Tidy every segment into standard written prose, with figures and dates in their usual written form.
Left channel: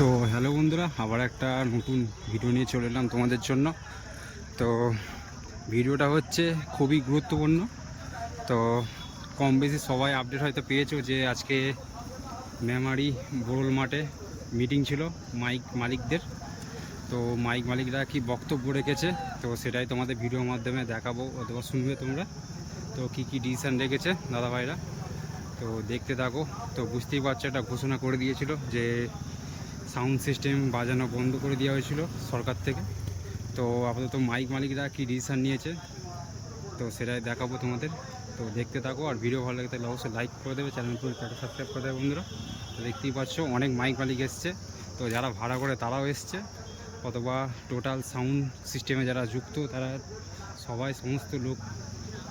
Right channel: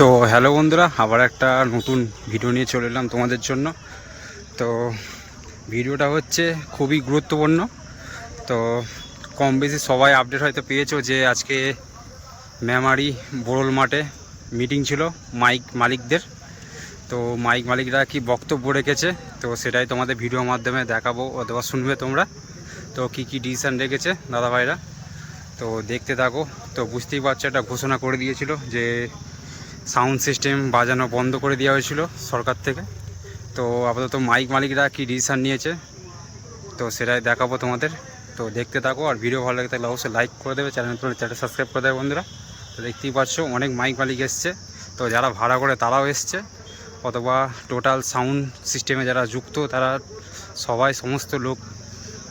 তো হ্যালো বন্ধুরা, আবার একটা নতুন ভিডিও নিয়ে চলে এলাম তোমাদের জন্য। তো ভিডিওটা হচ্ছে খুবই গুরুত্বপূর্ণ। তো কম বেশি সবাই আপডেট হয়তো পেয়েছো যে আজকে মেমারি বোরল মাঠে মিটিং ছিল মাইক মালিকদের। তো মাইক মালিকরা কি বক্তব্য রেখেছে, তো সেটাই তোমাদের ভিডিওর মাধ্যমে দেখাবো অথবা শুনবে তোমরা। তো কি কি ডিসিশান রেখেছে দাদাভাইরা, তো দেখতে থাকো। তো বুঝতেই পারছো, একটা ঘোষণা করে দিয়েছিল যে সাউন্ড সিস্টেম বাজানো বন্ধ করে দেওয়া হয়েছিল সরকার থেকে। তো আপাতত মাইক মালিকরা কি ডিসিশান নিয়েছে তো সেটাই দেখাবো তোমাদের। তো দেখতে থাকো, আর ভিডিও ভালো লাগে তাহলে অবশ্যই লাইক করে দেবে, চ্যানেলটা সাবস্ক্রাইব করে দেবে বন্ধুরা। তো দেখতেই পাচ্ছ অনেক মাইক মালিক এসছে, তো যারা ভাড়া করে তারাও এসছে, অথবা টোটাল সাউন্ড সিস্টেমে যারা যুক্ত তারা সবাই, সমস্ত লোক,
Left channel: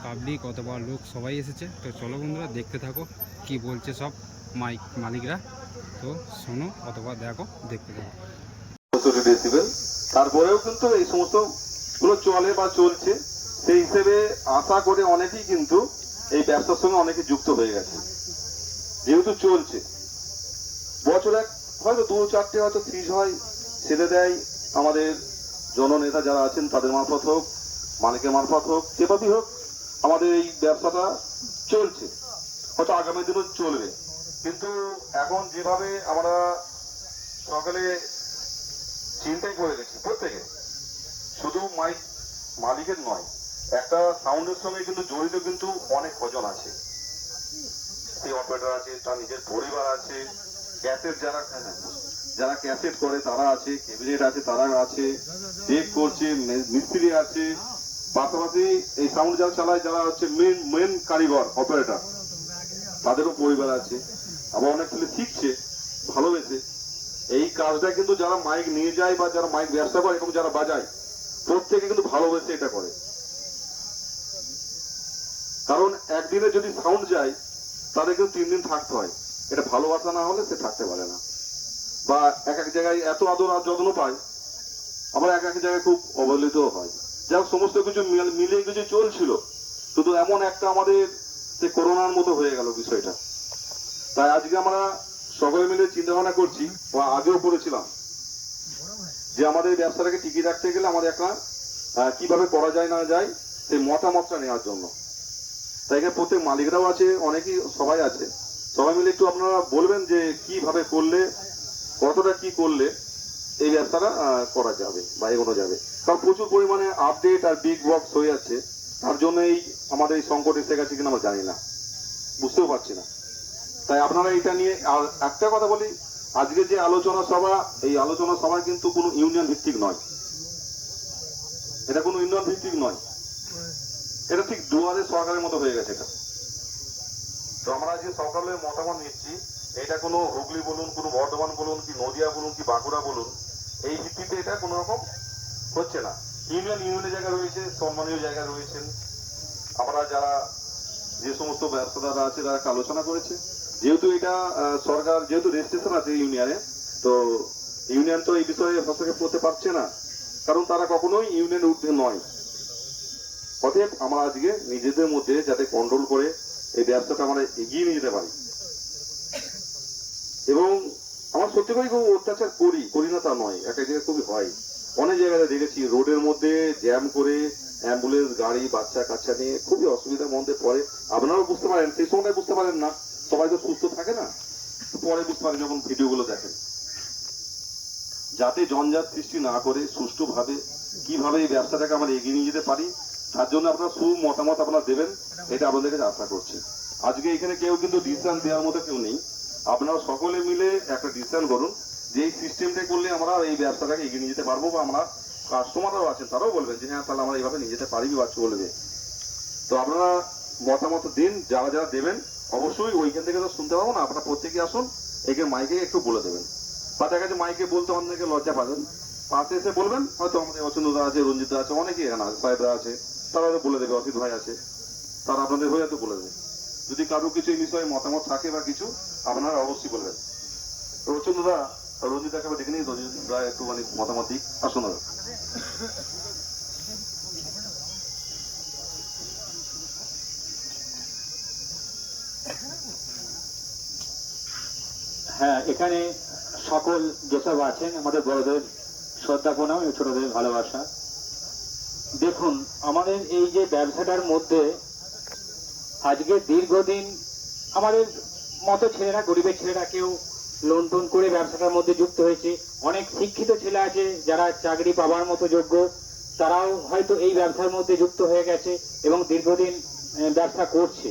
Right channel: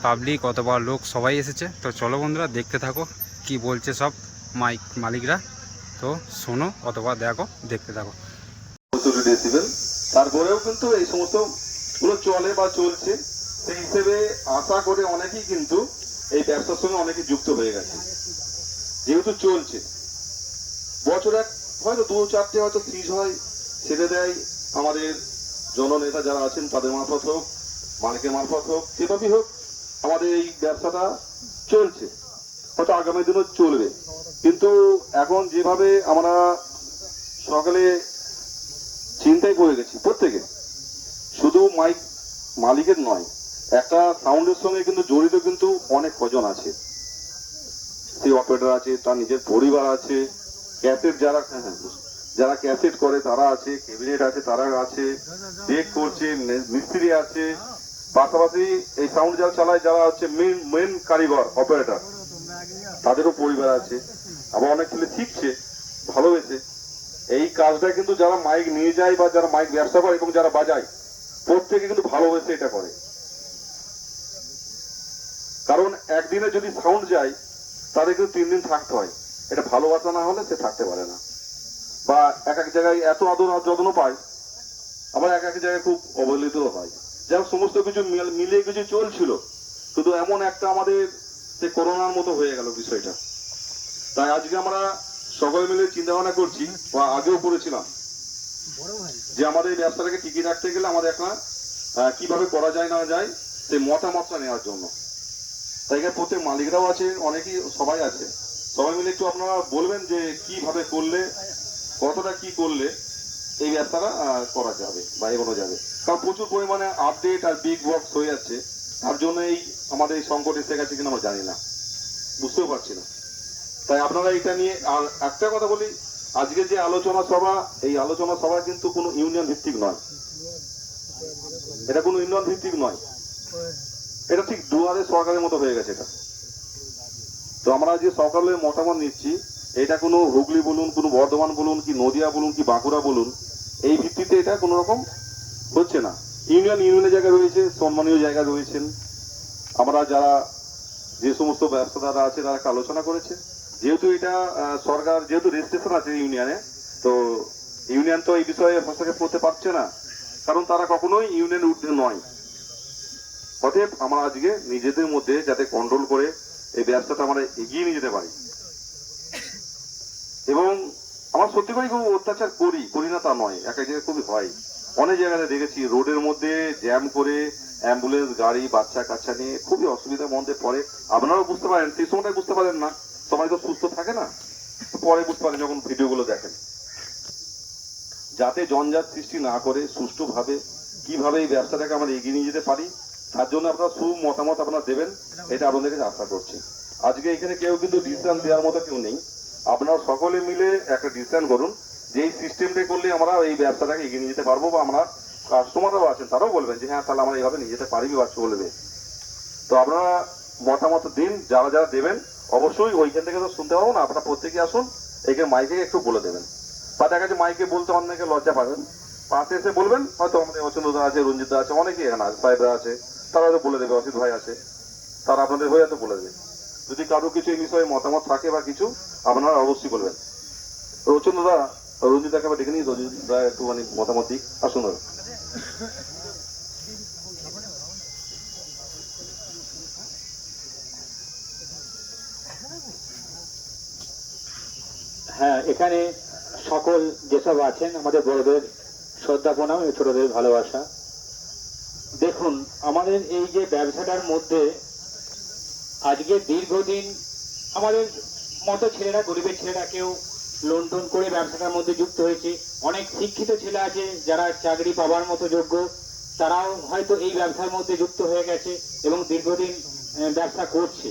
পাবলিক অথবা লোক সবাই এসেছে। তো চলো বন্ধুরা দেখতে থাকো কি বলছে সব মাইক মালিকরা। তো শোনো অথবা দেখো, দেখতে থাকো। ডেসিবেল তারপরেও কিন্তু এই সমস্ত গুলো চলে বা চলছে, সেই হিসেবে আশা করে অনেকেই কিন্তু এই ব্যবসার সঙ্গে অনেকে যুক্ত হয়ে গেছে। যেহেতু চলছে বছরে হয়তো দু চারটে হয়তো ফ্রিজ হয়, ছেড়ে দেয় আমাদের জননেতা যারা আছেন তাদের মারফত হোক, মালিকের মারফত হোক, যেভাবেই হোক আমাদের এই ব্যবসাটা চলছে, হয়তো আগামী দিনও চলবে। কিন্তু এখন যেভাবে আমরা সকালে চিন্তাই করে গেছি প্রত্যেকে, শুধু মাইক মালিকের নয়, একটা সাউন্ডের সঙ্গে কিন্তু জড়িত কিন্তু অনেক কজন আছে। সেই অপারেটর আছে, তার নিজের পরিবার আছে, ক্যাসেট যারা যারা ক্যাসেট করে তারা আছে, ক্যাবিনেট আছে তারা আছে, ডেক করছে, মিস্ত্রি আছে, পাশাপাশি এই সাউন্ড যারা চালায় যারা হচ্ছে মেন কারিগর অপারেটর, তাদেরও পরিবার আছে। আবার অনেক ছেলে শিখছে ভালোবেসে। এই কাজটা কিন্তু যারা মাইক নিয়ে যায় বা যারা মাইক ব্যবসা করে এবং যারা বাজায়, প্রত্যেকে কিন্তু ভালোবেসে এটা করে। কারণ একদিনে যদি সাউন্ড যায় তাদের কিন্তু 3 দিন থাকতে হয়। এটা ভালোবাসা না হলে সে থাকতে পারে না। বা এক এক জায়গায় এত আদর আর যত্ন পায়, আবার এক এক জায়গায় খুব অবহেলিতও হয়। যাই হোক, সমস্ত কিছু মিলে কিছু চলছিল, শুধু এমন একটা আমাদের সে করোনার মতো হয়ে গেল বিষয়টা। তাই আজকে আমরা সকলে মিলে চিন্তা ভাবনা করছি, বা আগেও করেছিলাম, যে আমাদের এই ব্যবসাটাকে টিকিয়ে রাখতে গেলে আমাদের একটা কিভাবে করা যায় না যায় সেই মতামতটা নেওয়ার জন্য। তাই এখানে প্রত্যেক মালিকরাও আছে, অনেকেই সবাই আছে, সবাই মিলে একটু আপনারা বলবেন যে কিভাবে করলে, কতটা কি করলে এই ব্যবসাটা করা যাবে বা এগোনো যাবে। কারণ প্রচুর পরিমাণে আপডেট আর বিগ বক্স হয়ে যাচ্ছে, তার জন্যই আমাদের এই সংকট এসে গেছে কিনা আমরা জানি না, বুঝতেও পারছি না। তাই আপনারা এটা নিয়ে, আর একটা কথা বলি, আজকে যে আলোচনা সভা, এই আলোচনা সভা কিন্তু কোনো ইউনিয়ন ভিত্তিক নয়, এটা কোনো ইউনিয়ন ভিত্তিক নয়, এটা ঠিক দুয়ারে সরকারের মতো হয়ে গেছে এটা। তো আমরা যে সরকারের মতামত নিচ্ছি, এটা কোনো হুগলি বলুন, কোনো বর্ধমান বলুন, কি নদিয়া বলুন, কি বাঁকুড়া বলুন, এই ভিত্তিতে এটা কোনো রকম হচ্ছে না। ইউনিয়নের জায়গা রয়েছে, সম্মানীয় জায়গা রয়েছেন। আমরা যারা যে সমস্ত ব্যবসাদাররা আছে তারা একটা আলোচনা করেছে, যেহেতু এটা সরকার, যেহেতু রেজিস্ট্রেশন আছে ইউনিয়নে, তো ইউনিয়ন তো এই বিষয়ে হস্তক্ষেপ করতে পারছে না, কারণ তারা কখনোই ইউনিয়নের ঊর্ধ্বে নয়। অতএব আমরা আজকে নিজেদের মধ্যে যাতে কন্ট্রোল করে এই ব্যবসাটা আমরা এগিয়ে নিয়ে যেতে পারি। এবং আমরা সত্যি করে খুব অত্যাচার করি না তা নয়, এক এক জায়গায় খুবই হয়। অনেক জায়গায় দেখেছি রোডের মধ্যে জ্যাম করে অ্যাম্বুলেন্স গাড়ি বাচ্চা কাচ্চা নিয়ে খুবই অসুবিধার মধ্যে পড়ে। আপনারাও বুঝতে পারেন, সেই সময়টাই বুঝতে পারেন না, সবাই তো সুস্থ থাকে না, পরে বুঝতে পারেন যখন ভিডিওগুলো দেখেন। যাতে জঞ্জাট সৃষ্টি না করে সুষ্ঠুভাবে কিভাবে এই ব্যবসাটাকে আমরা এগিয়ে নিয়ে যেতে পারি, তার জন্য আপনারা মতামত আপনারা দেবেন, এটা আপনাদের কাছে আশা করছি। আজকে এখানে কেউ কিন্তু ডিসিশন দেওয়ার মতো কেউ নেই, আপনারা সকলে মিলে একটা ডিসিশন করুন যে এই সিস্টেমটা করলে আমরা এই ব্যবসাটাকে এগিয়ে নিয়ে যেতে পারবো, বা আমরা কাস্টমাররাও আছেন তারাও বলবেন যে হ্যাঁ তাহলে আমরা এইভাবে নিয়ে যেতে পারি বা চলবে। তো আপনারা মতামত দিন, যারা যারা দেবেন অবশ্যই ওইখান থেকে তো শুনতে পাবো না, আপনারা প্রত্যেকে আসুন, এইখানে মাইকে একটু বলে দেবেন। বা দেখা যাচ্ছে মাইকে বলতে অনেকে লজ্জা পাবেন, পাশে এসে বলবেন, হয়তো আমাদের অচন্দা আছে, রঞ্জিতা আছে, অনেকেই এখানে আছে, সাহেবরা আছে, তারা হয়তো বলে দেবে, অসিত ভাই আছে, তারা আপনাদের হয়ে হয়তো বলে দেবে। যদি কারো কিছু এই বিষয়ে মতামত থাকে বা কিছু, আপনারা অবশ্যই বলবেন। রচন্দা রঞ্জিতাকে আবার ডেকে নিই, রঞ্জিতা একটু মানে মতামত দিক, আসুন। হ্যাঁ, এখানে সকল যেসব আছেন আমাদের বড়দের শ্রদ্ধা প্রণাম এবং ছোটদের ভালোবাসা। দেখুন, আমাদের এই যে ব্যবসাটার মধ্যে আজকে দীর্ঘদিন আমাদের মতো ছেলেরা, গরিবের ছেলেরা কেউ লোন টোন করে ব্যবসাটার মধ্যে যুক্ত হয়েছে। অনেক শিক্ষিত ছেলে আছে যারা চাকরি পাবার মতো যোগ্য, তারাও হয়তো এই ব্যবসার মধ্যে যুক্ত হয়ে গেছে এবং দীর্ঘদিন ব্যবসা করছে।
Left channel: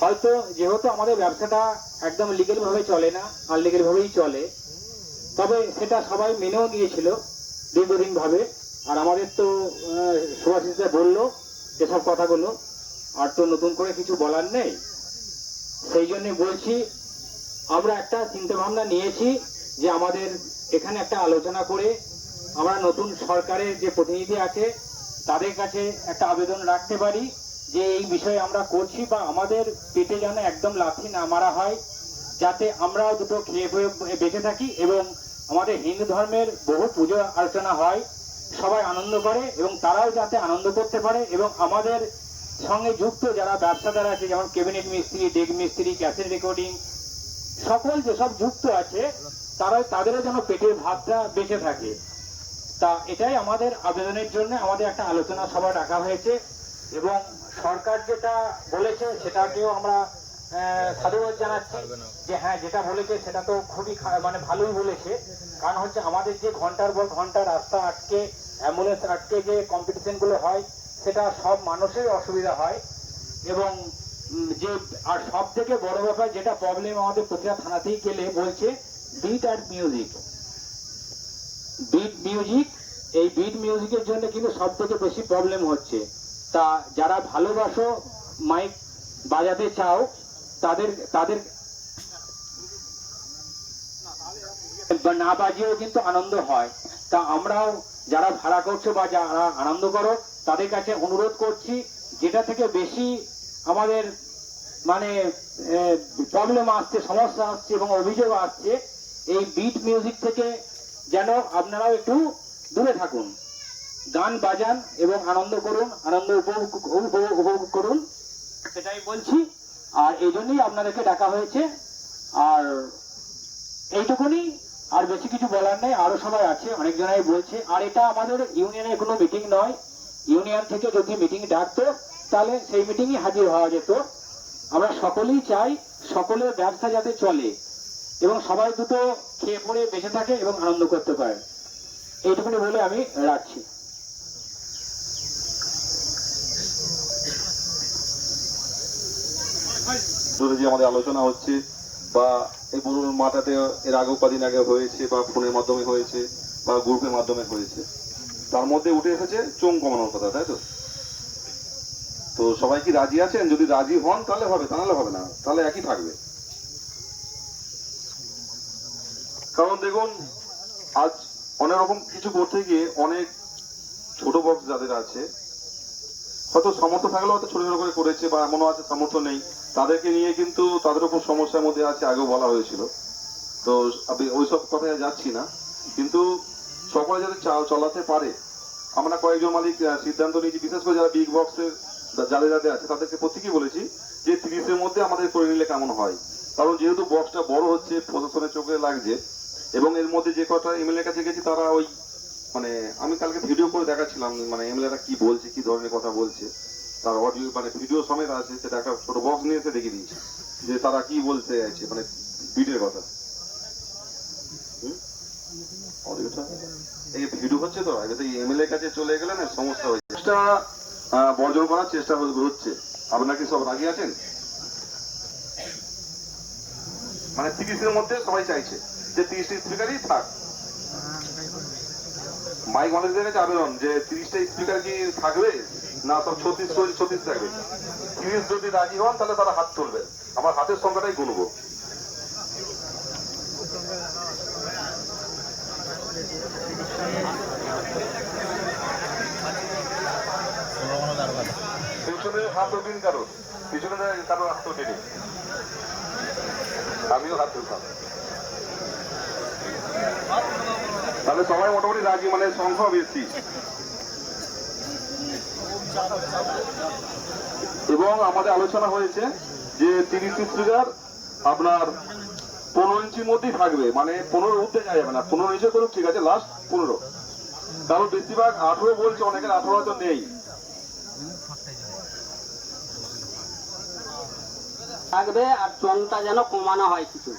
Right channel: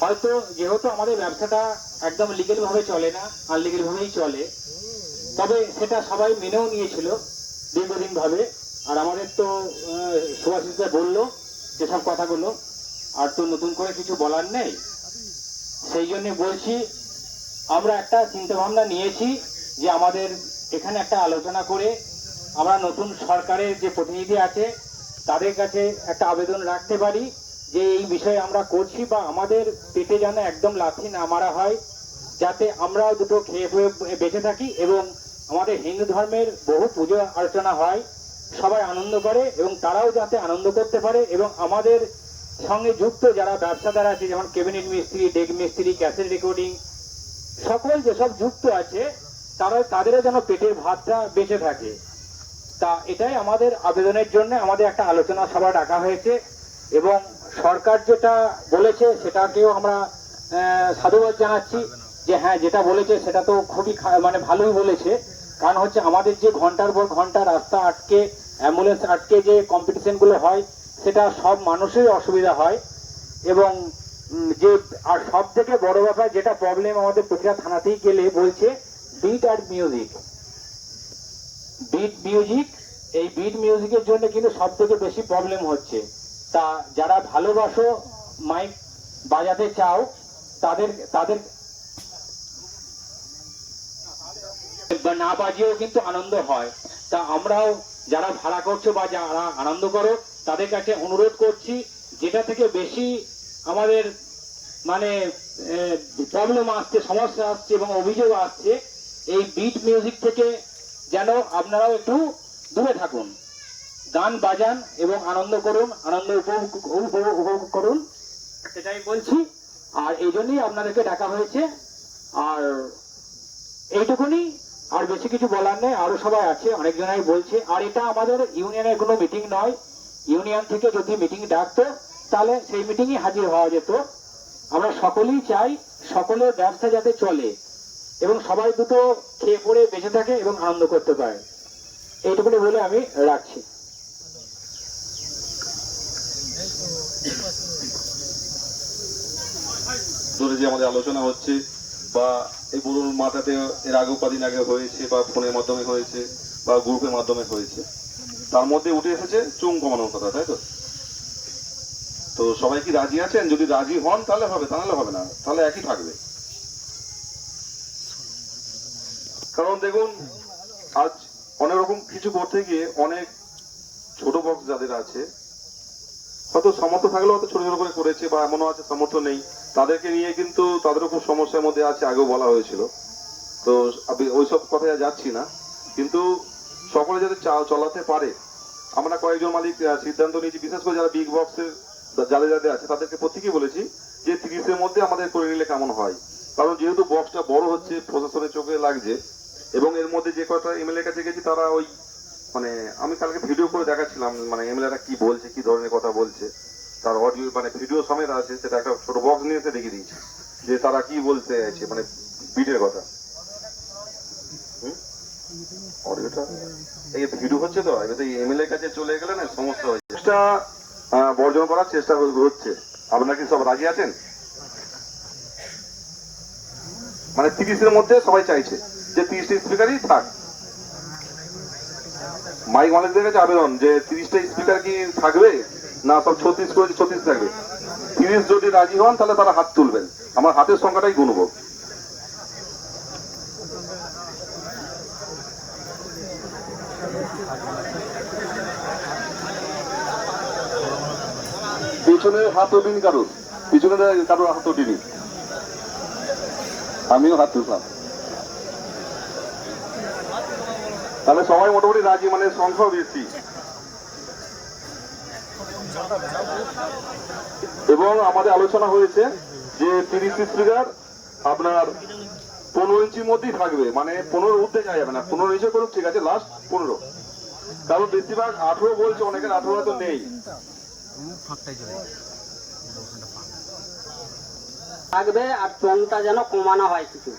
হয়তো যেহেতু আমাদের ব্যবসাটা একদম লিগেল ভাবে চলে না, আনলিগেল ভাবেই চলে, তবে সেটা সবাই মেনেও নিয়েছিল দীর্ঘদিন ভাবে। আর আমাদের তো সুভাষিসদা বললো যেসব কথাগুলো, আর তো নতুন করে কিছু বলার নেই। সেই জন্য বলছি, আমরা একটা চিন্তা ভাবনা নিয়েছি যে আমাদের এখানে একটা আলোচনা করে আমরা নতুন সরকারের যে প্রতিনিধি আছে তাদের কাছে একটা আবেদন রাখতে পারি যে এই বিষয়ে আমরা করছি, বা আমাদের পেটে যেন একদম লাথি না মারা হয়, যাতে আমরাও দুটো খেয়ে বেঁচে থাকি এবং আমাদের হিন্দু ধর্মের বহু পুজো আলোচনা হয়, সবাই আনন্দ করে এবং তারাও যাতে আনন্দ করতে পারে। এবং আমাদের সঙ্গে যুক্ত যারা ব্যবসাদার আছে, যেমন ক্যাবিনেট মিস্ত্রি, ডেক মিস্ত্রি, ক্যাসেট রেকর্ডিং, সকল যেসব যুক্ত আছে তাদেরও যেন পেটের ভাতটা বেঁচে থাকে। তা এটাই আমাদের আবেদনের জন্য আমাদের একটা আলোচনা সভা ডাকা হয়েছে এবং সরকার যেটা বলেছে সেটাকেও আমরা সাধুবাদ জানাচ্ছি যে হ্যাঁ, যেটা বলেছে সেটা তো খুবই মানে ভালোই বলেছে। কারণ হচ্ছে আমাদের যে ঘন্টার পর ঘন্টা রাস্তা আটকে, অ্যাম্বুলেন্স আটকে যে কম্পিটিশন গুলো হয়, সেটা সব মানুষেরই অসুবিধা হয়। এবং যে আর সব থেকে বড় ব্যাপার যেটা প্রবলেম আমাদের প্রতিটা থানাতেই গেলে বলছে বিট আর মিউজিক, বিট মিউজিক। এই বিট মিউজিকের জন্য কিন্তু সব থেকে বেশি প্রবলেম হচ্ছে। তা যারা ভালোবাসো মাইক বাজাতে চাও তাদের তাদের না বাজিয়েও কিন্তু আনন্দ হয়। তা আমরাও যারা ভাড়া করছো বা যারা আনন্দ করো তাদের কাছে অনুরোধ করছি, যেটা থেকে বেশি আমাদের মানে প্রবলেম আসছে, সমস্যা আসছে এবং অভিযোগ আসছে, এই বিট মিউজিক থেকে যেন আপনারাও একটু দূরে থাকুন, গান বাজান এবং আনন্দ করুন, আনন্দ উপভোগ করুন, সেটাই বলছি। আর এই জন্যই আপনাদেরকে ডাকা হয়েছে। আর এইটুকুনি, আর বেশি কিছু বলার নেই। আরো সবাই আছে, অনেকজনাই বলছে। আর এটা আমাদের ইউনিয়নের কোনো মিটিং নয়। ইউনিয়ন থেকে যদি মিটিং ডাকতো তাহলে সেই মিটিংই হাজির হওয়া যেত। আমরা সকলেই চাই সকলের ব্যবসা যাতে চলে এবং সবাই দুটো খেয়ে পড়ে বেঁচে থাকে এবং আনন্দ করতে পারে। এইটুকুনি বলে আমি রাখছি। ধরে যে আমাদের আলোচনা হচ্ছে বা এই পুরো মাথাতে এর আগে কদিন আগে হয়েছে বা ফোনের মাধ্যমে হয়েছে বা গ্রুপের মাধ্যমে হয়েছে, তার মধ্যে উঠে এসেছে চোং কমানোর কথা, তাই তো? তো সবাই কি রাজি আছেন? যদি রাজি হন তাহলে হবে, তা নাহলে হবে না, তাহলে একই থাকবে। কারণ দেখুন, আজ অনেক রকম কিছু করতে গিয়ে অনেক ছোট বক্স যাদের আছে, হয়তো সামর্থ্য থাকলেও হয়তো ছোট ছোট করে করেছে, বা এমনও আছে সামর্থ্য নেই, তাদেরকে নিয়ে কিন্তু তাদেরও খুব সমস্যার মধ্যে আছে, আগেও বলা হয়েছিল। তো আমি ওইসব কথায় যাচ্ছি না, কিন্তু সকলে যদি চলাতে পারে। আমরা কয়েকজন মালিক সিদ্ধান্ত নিয়েছি, বিশেষ করে যারা বিগ বক্সের যাদের যাদের আছে তাদেরকে প্রত্যেকেই বলেছি যে 30-এর মধ্যে আমাদের করে নিলে কেমন হয়। কারণ যেহেতু বক্সটা বড় হচ্ছে, প্রশাসনের চোখে লাগছে, এবং এর মধ্যে যে কটা এমএলএ কাছে গেছি তারা ওই মানে আমি কালকে ভিডিও করে দেখাচ্ছিলাম, মানে এমএলএরা কি বলছে, কি ধরনের কথা বলছে, তার অডিও মানে ভিডিও সমেত আছে, সেটা একটা ছোট বক্স নিয়ে এসে দেখিয়ে দিয়েছে যে তারা কি বলতে চাইছে, মানে বিটের কথা। অডিওটা এই ভিডিও হচ্ছে তো, এবার এমএলএ কাছে চলে গেলে না সমস্যা হচ্ছে। চেষ্টা বর্জন করার চেষ্টা হচ্ছে। আপনারা কি সব রাজি আছেন? মানে 30-এর মধ্যে সবাই চাইছে যে 30টা স্পিকারই থাক। মাইক মালিকদের কাছে আবেদন যে 30টা স্পিকার কি থাকবে না সব 36 থাকবে। 30 যদি রাজি হন তাহলে তারা হাত তুলবেন, আমার হাতের সংখ্যাটাই গুনবো। পিছনের হাত উঠিনি কারোর, পিছনে কারোর হাত উঠিনি, আমিও হাত তুলতাম। তাহলে সবাই মোটামুটি রাজি, মানে সংখ্যা বেশি। এবং আমাদের আলোচনা হয়েছে যে 30 স্পিকার আপনার 15 ইঞ্চির মধ্যেই থাকবে, মানে 15 ঊর্ধ্বে যাওয়া যাবে না। 15 নিচে করুক, ঠিক আছে, লাস্ট 15। কারণ বেশিরভাগ 18 বলছে, অনেকের 18 হয়তো নেই। থাকবে আর চোঙটা যেন কমানো হয় কিছু,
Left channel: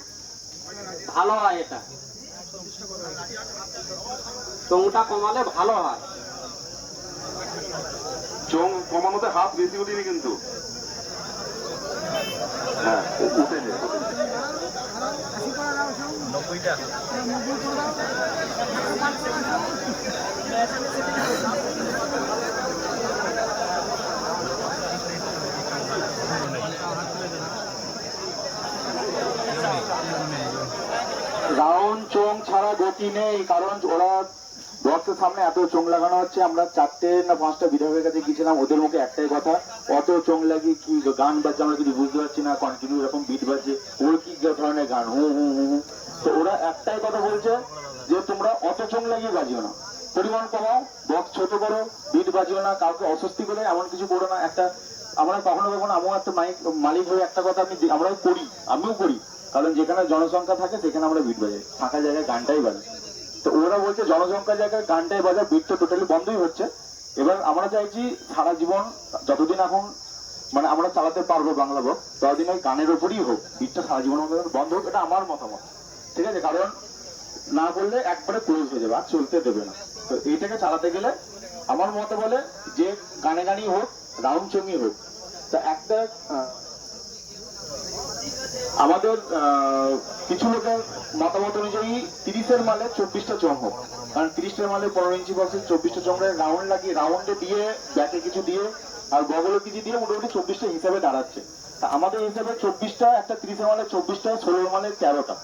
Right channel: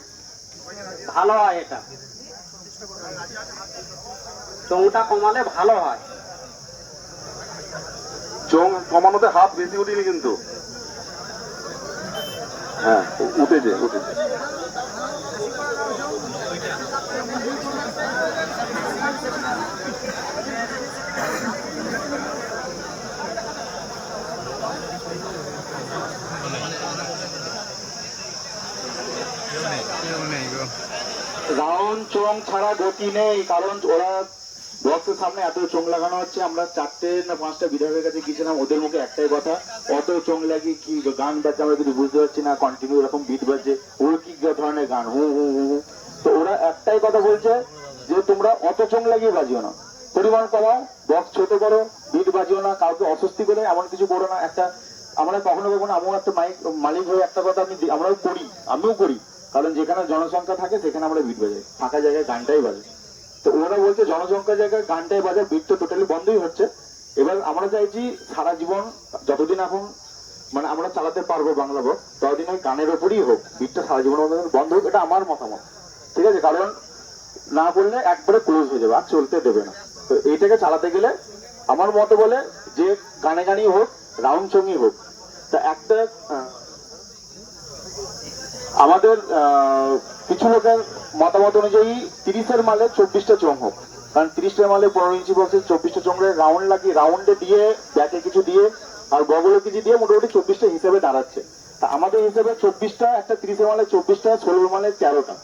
ভালো হয় এটা। চোঙটা কমালে ভালো হয়। চোঙ কমানোতে হাত বেশি উঠিনি কিন্তু, হ্যাঁ উঠেছে। রাউন্ড চোং ছাড়া গতি নেই, কারণ ওরা বক্সের সামনে এত চোং লাগানো হচ্ছে। আমরা 4টে না 5টা বিধায়কের কাছে গিয়েছিলাম, ওদের মুখে একটাই কথা, অত চোং লাগিয়ে কি গান বাজছে আমরা কিন্তু বুঝতে পারছি না, কন্টিনিউ এরকম বিট বাজছে, ওর কি ধরনের গান, হু হু হু হু। তো ওরা একটাই কথা বলছে যে তোমরা অত চোং লাগিয়ে বাজিও না, পরিমাণ কমাও, বক্স ছোট করো, বিট বাজিও না, কাউকে অস্বস্তি করে এমন কিছু করো না। একটা আমরা কখনো কখনো আমিও একটা মালিক হয়ে একটা কথা আমরাও করি, আমিও করি, কারণ যেখানে জনসংখ্যা থাকে সেখানে আমরা বিট বাজাই, ফাঁকা জায়গায় গানটাই বাজে। তো ওরা বলছে জনসংখ্যার জায়গায় গানটাই বাজা, বিট তো টোটালি বন্ধই হচ্ছে। এবার আমরা চাইছি সারা জীবন যতদিন এখন মানে আমরা চালাতে পারবো বাংলা বক্স, ততদিন ওই গানের ওপরই হোক, বিটটা সারা জীবনের মতো বন্ধ হোক, এটা আমার মতামত, ঠিক আছে? কারণ না বললে একবারে ক্লোজ হয়ে যাবে, আর চলতে দেবে না। তো এইটাকে চালাতে গেলে আমার মতে বলে যে গানে গানই হোক, রাউন্ড চঙই হোক। তা একটা আমাদের কিছু লোকের মতামত অনুযায়ী 30-এর মালে 24টা চোঙ হোক, কারণ 30টার মালে 15 ইঞ্চি বক্সে 24টা চোঙের রাউন্ড লাগিয়ে, রাউন্ডে দিয়ে ব্যাটে কিছু দিয়ে আর বগলে কিছু দিয়ে মোটামুটি 24টা হিসাবে দাঁড়াচ্ছে। তা আমাদের হিসাবে 24টা, একটা 30-এর মালে 24টা, 16 মালে 13টা,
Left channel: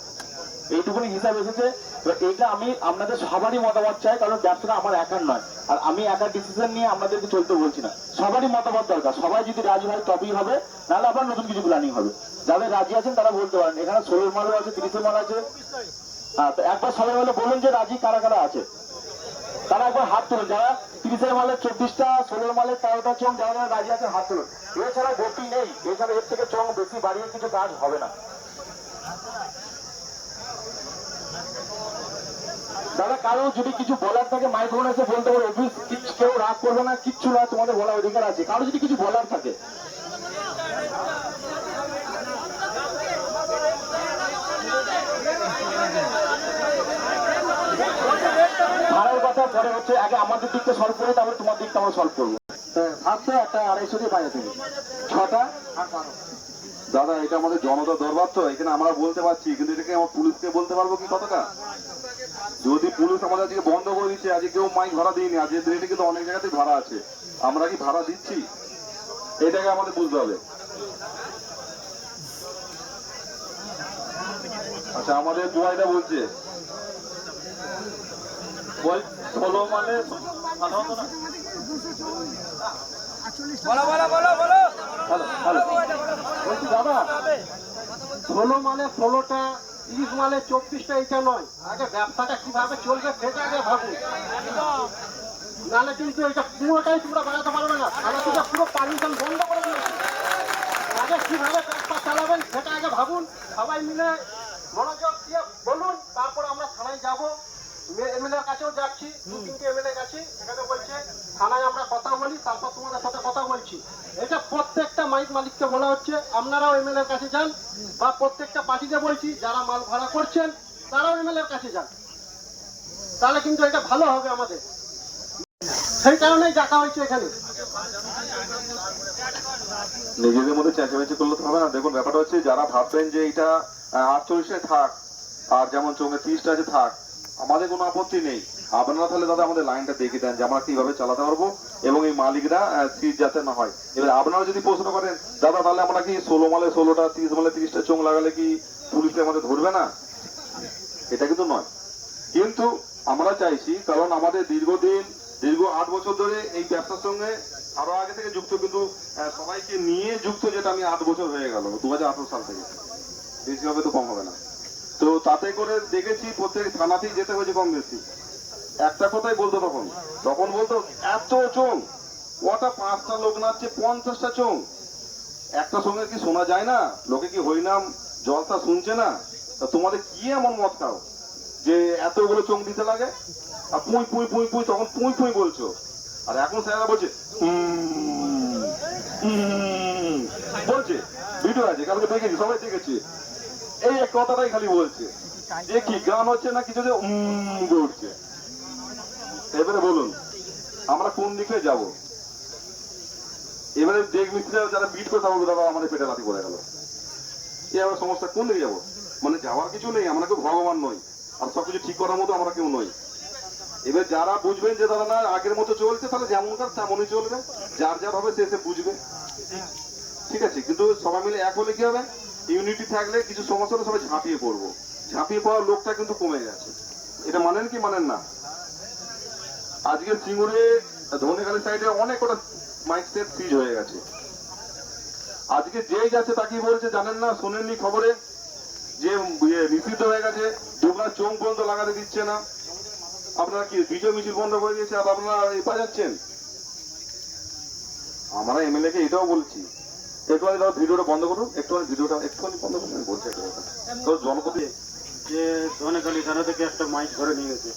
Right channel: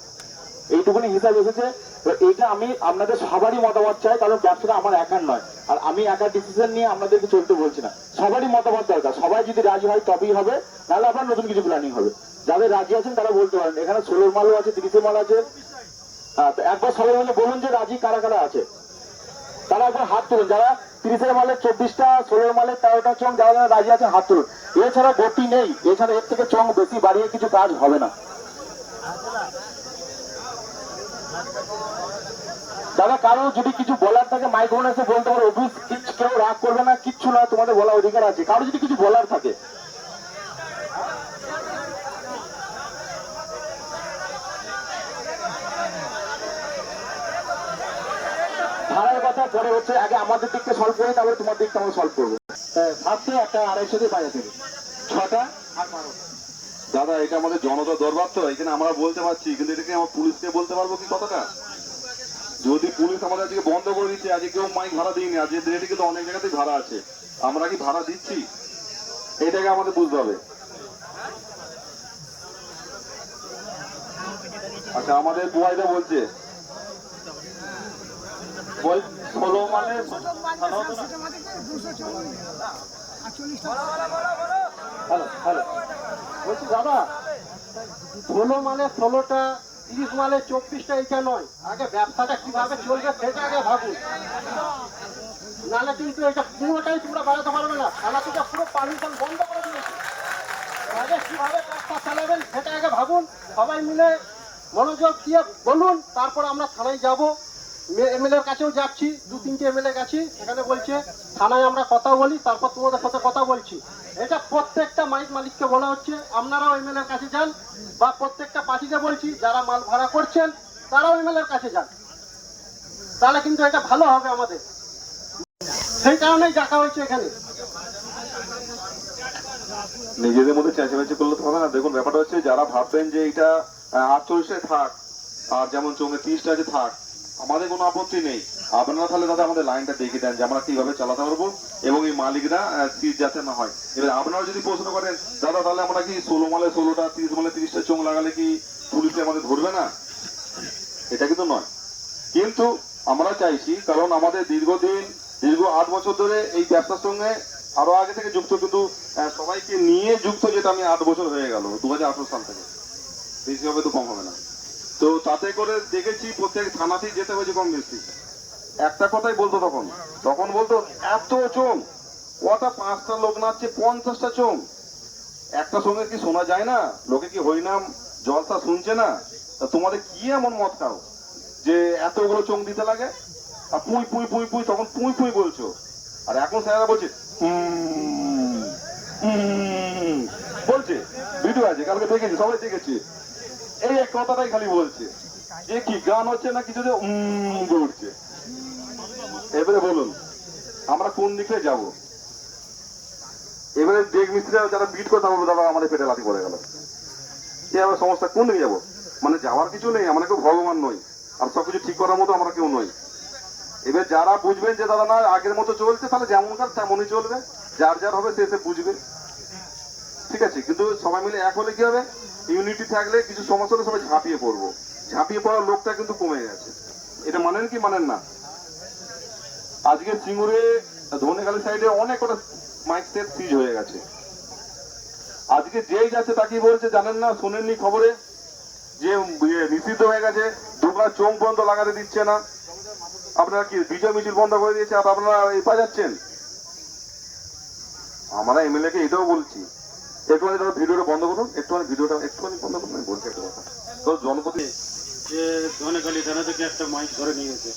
এইটুকুনি হিসাব এসেছে। তো এইটা আমি আপনাদের সবারই মতামত চাই, কারণ ব্যবসাটা আমার একার নয়, আর আমি একা ডিসিশন নিয়ে আপনাদেরকে চলতে বলছি না, সবারই মতামত দরকার। সবাই যদি রাজি হয় তবেই হবে, নাহলে আবার নতুন কিছু প্ল্যানিং হবে। যাদের রাজি আছেন তারা বলতে পারেন, এখানে 16 মালও আছে, 30 মাল আছে। হ্যাঁ, তো একবার সবাই মিলে বলুন যে রাজি কারা কারা আছে, তারা একবার হাত তুলুন। যারা 30-এর মালে 24টা, 16 মালে 13টা চোঙ, যারা যারা রাজি আছেন হাত তুলুন। এছাড়া গতি নেই, এছাড়া এর থেকে চোঙ বেশি বাড়িয়ে কিছু কাজ হবে না। দাদা কারো যদি কিছু বলার থাকে মাইক্রোফোন এসে বলতে পারো, অফিস কেউ রাগ করবে না, কিচ্ছু না, তোমাদের বলার অধিকার আছে। কারো যদি কিছু বলার থাকে, ভাড়ার কথা পরে হচ্ছে, আগে আমাদের দিকটা সলভ করি, তারপরে তোমার দিকটা আমরা সলভ করবো। ফার্স্টে একটা 250 দিয়ে বাইরে থেকে 6টা আর 12। দাদা এটা আমাদের জনতা দরবার, তো এখানে আমরা বলতে পারছি, কিন্তু এটাকে আমার পুলিশকে বলতে পারবো কি কথাটা? যদি পুলিশ আমাদের আজকে বন্ধ করে দিচ্ছে, আজকে কেউ মাইক ভাড়া দিইনি, আজকে রেটে কিন্তু অনেক জায়গাতেই ভাড়া আছে, আমরা কি ভাড়া দিচ্ছি? এইটাকে আমাদের বুঝতে হবে। আচ্ছা আমাদের বুয়াইটা বলছে 16 মানে হ্যালো হ্যালো, বলছি দাদা 16 মানে 16টা, 30 মালে 24টা, এটা নয়। আগে ব্যবসাটা কিভাবে চলবে সেটা আগে ভাবুন, নাহলে কিন্তু এটা পুরোটাই তোমরা বাড়াতে পারবে না। থানা থেকে পুরো পারমিশন বন্ধ করে দিয়েছে। আগে কিভাবে ব্যবসা চালাবেন সেটা আগে ভাবুন, সবাই মিলে মনোযোগ দিয়ে বলুন, তারপর আমরা থানায় যাব। এমএলএ এর কাছেও যাচ্ছি, 2-3টে এমএলএ গেছি, সেখানে বলছে থানায় আমরা কথা বলি, তারপর তোমাদের সাথে কথা বলছি। এটা প্রত্যেকটা মাইক মালিককে বলা হচ্ছে, আপনারাও এমএলএ এর কাছে যান, বা প্রত্যেকটা পার্টিকে বলছি যারা মাল ভাড়া করছেন তারাও এমএলএ এর কাছে যান, তাহলে কিন্তু এটা ভালো হবে আমাদের। সেই কারণেই ডাকা হয়েছে এখানে। নিজেদের মধ্যে চেঁচামেচি করলে তো হবে না। দেখুন ব্যাপারটা হচ্ছে, যারা ভাববেন যে এটা 48টায় থাক, আর যেমন চোঙে 30টা যে থাক, আমাদের কোনো আপত্তি নেই। আপনারা তাহলে দাদা আমাদের লাইনটা দেখে দেন যে আমরা কিভাবে চালাতে পারবো, এবং এই মালিকরা সিট যাতে না হয়। এবার আপনারা যদি প্রশ্ন করেন দাদা তাহলে আমরা কি 16 মালে 16টা, 30 মালে 30টা চোঙ লাগালে কি পুলিশে আমাদের ধরবে না? এটা কিন্তু নয়। কিন্তু আমরা চাইছি, কারণ আমাদের দীর্ঘ 8 বছর ধরে এই ব্যবসার সঙ্গে আরো আগে থেকে যুক্ত, কিন্তু সবাইকে নিয়ে যুক্ত, যেটা আমি 8 বছর হয়ে গেল, 2018 সাল থেকে, বেশি হবে তো কম হবে না। তো তাতে করে দেখেছি প্রত্যেক থানাতেই যেতে হয়েছে কম বেশি। একটা কথাই বলতো, তখন বলতো এত চোঙ, কটা 5টা লোক নাচছে, 50টা চোঙ, একটা সঙ্গে কি শোনা যায় না? লোকে কি হরিনাম জলসা শুনছে না? তা তোমাদের কি এমন মদ খাও যে এতগুলো চোখ দিতে লাগে? আর পুঁই পুঁই পুঁই পুঁই, তখন পুঁই পুঁই বলছো, আর এখন স্যারেরা বলছে বলছে। ভিডিও আছে, কালকে দেখেছি, সবাই দেখেছি, এই এক কথাটাই খালি বলছে যে কি গান হচ্ছে না কিছু, যে বলছে। এবারে বলুন আমরা কোন দিকে যাব? এবারে দেখ মিস্ত্রিরা যারা বিট কথা বলবো, তারা আমাদের পেটে লাথি পড়ে গেল। এবার সমস্যা কোন দিকে যাবো? মানে যাওয়ার কিছু নেই, আমরা কেউ ভগবান নই, আর সবকিছু ঠিক করার মতো আমরা কেউ নই। এবার যারা বুঝবেন যে দাদা না আগের মতো চলছে, তাহলে যেমন কাজ তেমনই চলবে, যার যার হবে সে বুঝবে, ঠিক আছে। কিন্তু সবাই মিলে এক হলে কি হবে, ইউনিটি থাকলে কিছু সমস্যা হলে সবাই ঝাঁপিয়ে পড়বো। ঝাঁপিয়ে পড়ার লোকটা কিন্তু কমে গেছে, এটা মানেন কি মানেন না? আজকে সিঙ্গুরে ধনেখালি সাইডে অনেক কটা মাইক সেট সিজ হয়ে গেছে। আজকে যেই যাচ্ছে তাকেই বলছে, জানেন না, শুনেননি খবরে যে নিষিদ্ধ হয়ে গেছে, দোকান চোখ বন্ধ লাগাতে দিচ্ছে না। আপনারা কি বিজয় মিছিল বন্ধ করে দিয়েছে, আর আপনারা এই পাঠাচ্ছেন? আমরা এমএলএ কে এটাও বলছি, একটুখানি ধরো ভিডিওটা বন্ধ করুন, একটুখানি ভিডিওটা একটুখানি বন্ধ করুন, আমি বলছি একটা কথা। তো জনপতি যে ধনেখালি থানা থেকে একটা মাইক ধরে নিয়ে গেছে,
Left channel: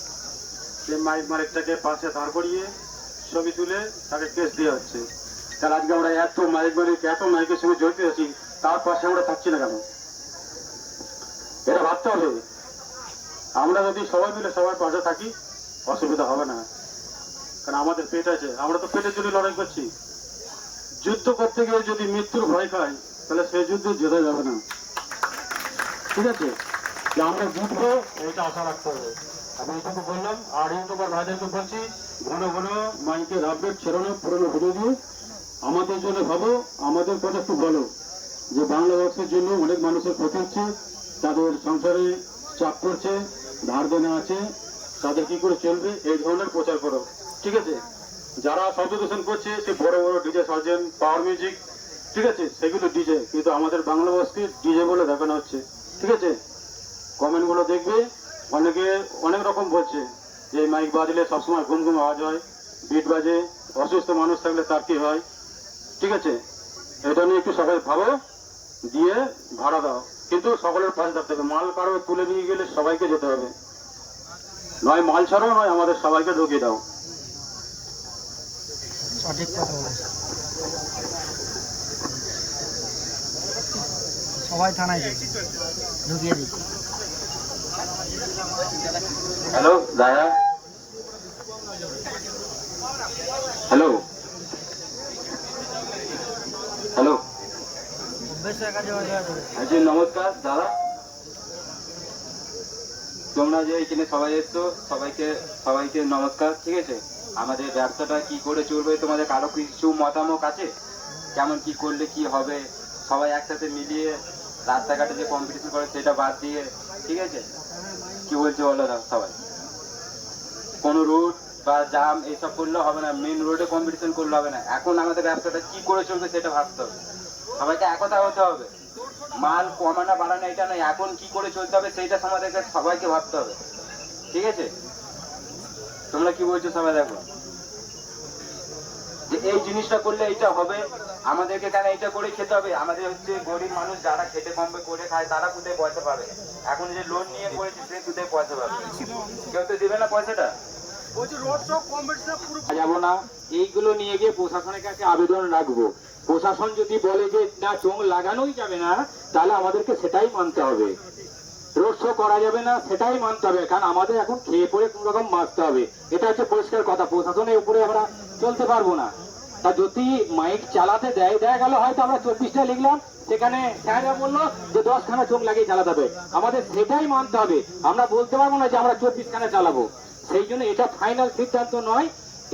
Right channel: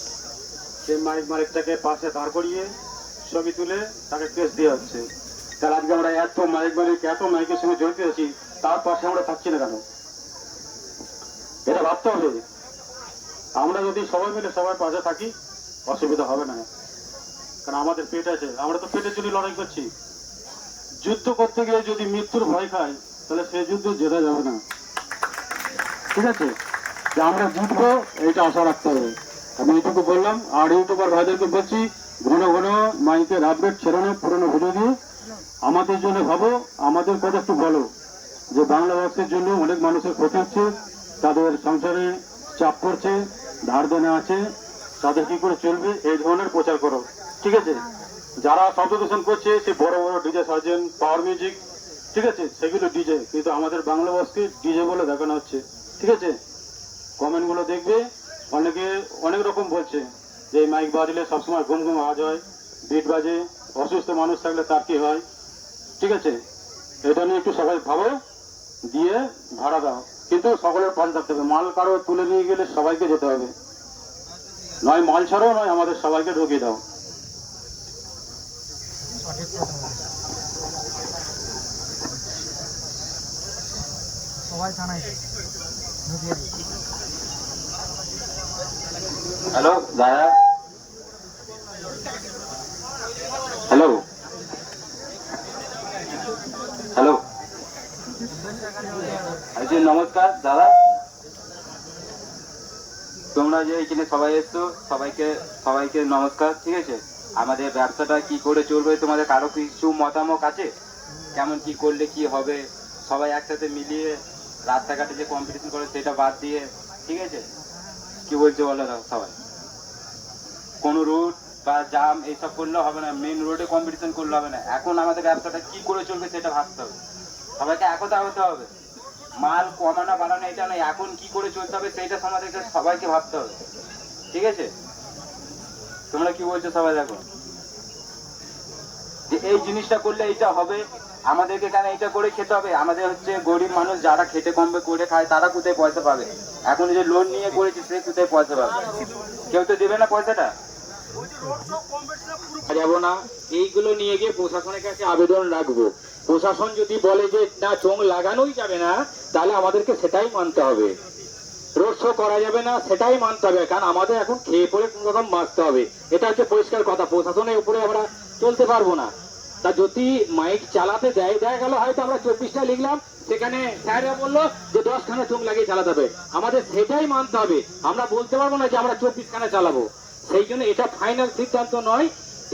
সে মাইক মালিকটাকে পাশে দাঁড় করিয়ে ছবি তুলে তাকে কেস দেওয়া হচ্ছে। তাহলে আজকে আমরা এত মাইক মালিক, এত মাইকের সঙ্গে জড়িত আছি, তার পাশে আমরা থাকছি না কেন? এটা ভাবতে হবে। আমরা যদি সবাই মিলে সবার পাশে থাকি, অসুবিধা হবে না, কারণ আমাদের পেট আছে, আমরা তো পেটের জন্য লড়াই করছি। যুদ্ধ করতে গিয়ে যদি মৃত্যুর ভয় খাই, তাহলে সেই যুদ্ধ জেতা যাবে না, ঠিক আছে? যে আমরা জিতবো এটা আশা রাখতে হবে। আমি এইটুকু বললাম। আর ইউটিউবার ভাইদেরকে বলছি, ঘন ঘন মাইকের আপডেট ছেড়ে না, পুরোনো ভিডিও দিয়ে আমাদের জন্য ভাবো, আমাদের কথা একটু বলো যে বাংলা ভাষার জন্য অনেক মানুষের ক্ষতি হচ্ছে, তাদের সংসারে চাপ পড়ছে, ধার দেনা আছে, তাদের কি করে চলবে, এই ধরনের প্রচার করো, ঠিক আছে? যারা শব্দ দূষণ করছে, সে বড় বড় ডিজে সার্জেন, পাওয়ার মিউজিক, ঠিক আছে, সেগুলো ডিজে, কিন্তু আমাদের বাংলা ভাষাকে ডিজে বলে দেখানো হচ্ছে, ঠিক আছে? কমেন্ট গুলো দেখবে, অনেকে অনেক রকম বলছে যে এই মাইক বাজলে সবসময় ঘুম ঘুম আওয়াজ হয়, বিট বাজে, অসুস্থ মানুষ থাকলে তার কি হয়, ঠিক আছে? এটা নিয়ে একটু সবাই ভাবো, দিয়ে ভাড়া দাও, কিন্তু সকলের পাশে থাকতে হবে। মাল কারো তুলে নিয়ে গেলে সবাইকে যেতে হবে, নয় মাল ছাড়াও, নয় আমাদের সবাইকে ঢুকিয়ে দাও। সবাই থানায় যাবে, ঢুকিয়ে দিচ্ছি। হ্যালো দাদা, হ্যালো হ্যালো, আচ্ছা নমস্কার দাদা, তোমরা যে এখানে সবাই এসছো, সবাইকে নমস্কার, ঠিক আছে? আমাদের ব্যবসাটা কি করে চলবে, তোমাদের কারো কিছু মতামত আছে? কেমন কি করলে কি হবে, সবাই একসাথে মিলিয়ে রাস্তাঘাটে যে কম্পিটিশন করে সেটা বাদ দিয়ে, ঠিক আছে? কি বলতে বলো সবাই? কোনো রুট বা জাম এইসব করলে হবে না, মেন রোডে কম্পিটিশন করলে হবে না। এখন আমাদের ব্যবসাটা কি করে চলবে সেটা ভাবতে হবে, সবাইকে একতা হতে হবে। মাল কমানো বাড়ানো এটা নয়, এখন কি করে চলতে হবে সেইটা আমাদেরকে সবাইকে ভাবতে হবে, ঠিক আছে? তোমরা কি বলছো সবাই? দেখো যে এই জিনিসটা করলে এইটা হবে, আমাদেরকে কেন এটা করে খেতে হবে? আমাদের হচ্ছে গরিব মানুষ, যারা খেটে কমবে করে খায়, তারা কোথায় পয়সা পাবে? এখন যে লোন নিয়ে করেছে সে কোথায় পয়সা পাবে? কেউ তো দেবে না পয়সাটা। যাবো না, এইগুলো নিয়ে গিয়ে প্রশাসনের কাছে আবেদন রাখবো। প্রশাসন যদি বলে যে না চোখ লাগানোই যাবে না, তাহলে আমাদেরকে সেটাই মানতে হবে। রোড শো করা যাবে না, সেটাই মানতে হবে, কারণ আমাদের এখন খেয়ে পড়ে কোন রকম বাঁচতে হবে। এটা হচ্ছে পরিষ্কার কথা। প্রশাসনের উপরে আমরা চলতে পারবো না। তা যদি মাইক চালাতে দেয়, দেখা গেল হয়তো আমরা 24টা লিখলাম, সেখানে স্যাররা বললো যে 10খানা চোখ লাগিয়ে চালাতে হবে, আমাদের সেটাই মানতে হবে। আমরা বলতে পারবো না যে আমরা 24খানা চালাবো। সেই জন্য এটা ফাইনাল সিদ্ধান্ত নয়,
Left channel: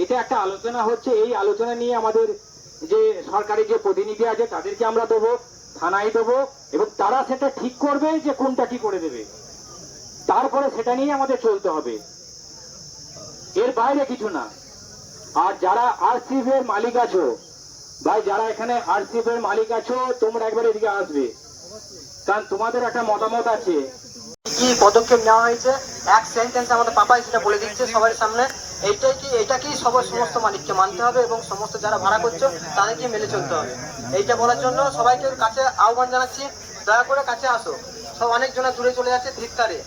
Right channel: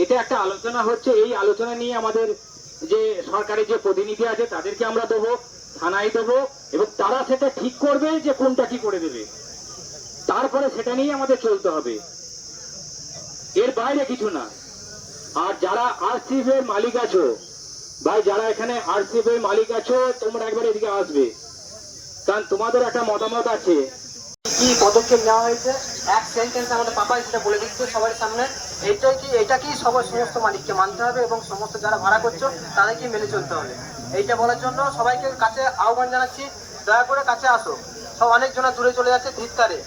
এটা একটা আলোচনা হচ্ছে। এই আলোচনা নিয়ে আমাদের যে সরকারি যে প্রতিনিধি আছে তাদেরকে আমরা দেবো, থানায় দেবো, এবং তারা সেটা ঠিক করবে যে কোনটা কি করে দেবে, তারপরে সেটা নিয়ে আমাদের চলতে হবে, এর বাইরে কিছু না। আর যারা আরসিএফ এর মালিক আছো ভাই, যারা এখানে আরসিএফ এর মালিক আছো, তোমরা একবার এদিকে আসবে, কারণ তোমাদের একটা মতামত আছে। কি পদক্ষেপ নেওয়া হয়েছে এক সেন্টেন্স আমাদের পাপাই সেটা বলে দিচ্ছে সবার সামনে। এটা কি সবার সমস্ত মালিককে মানতে হবে এবং সমস্ত যারা ভাড়া করছো তাদেরকে মেনে চলতে হবে। এইটা বলার জন্য সবাইকে কাছে আহ্বান জানাচ্ছি, দয়া করে কাছে আসো, সব অনেকজনা দূরে চলে যাচ্ছে ধিৎকারে,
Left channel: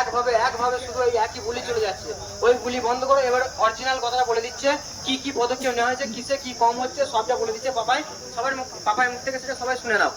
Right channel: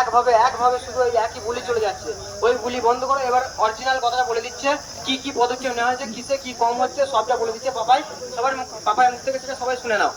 একভাবে শুধু এই একই বুলি চলে যাচ্ছে। ওই বুলি বন্ধ করে এবার অরিজিনাল কথাটা বলে দিচ্ছে, কি কি পদক্ষেপ নেওয়া হয়েছে, কিসে কি কম হচ্ছে, সবটা বলে দিচ্ছে পাপাই। পাপাই মুখ থেকে সেটা সবাই শুনে নাও।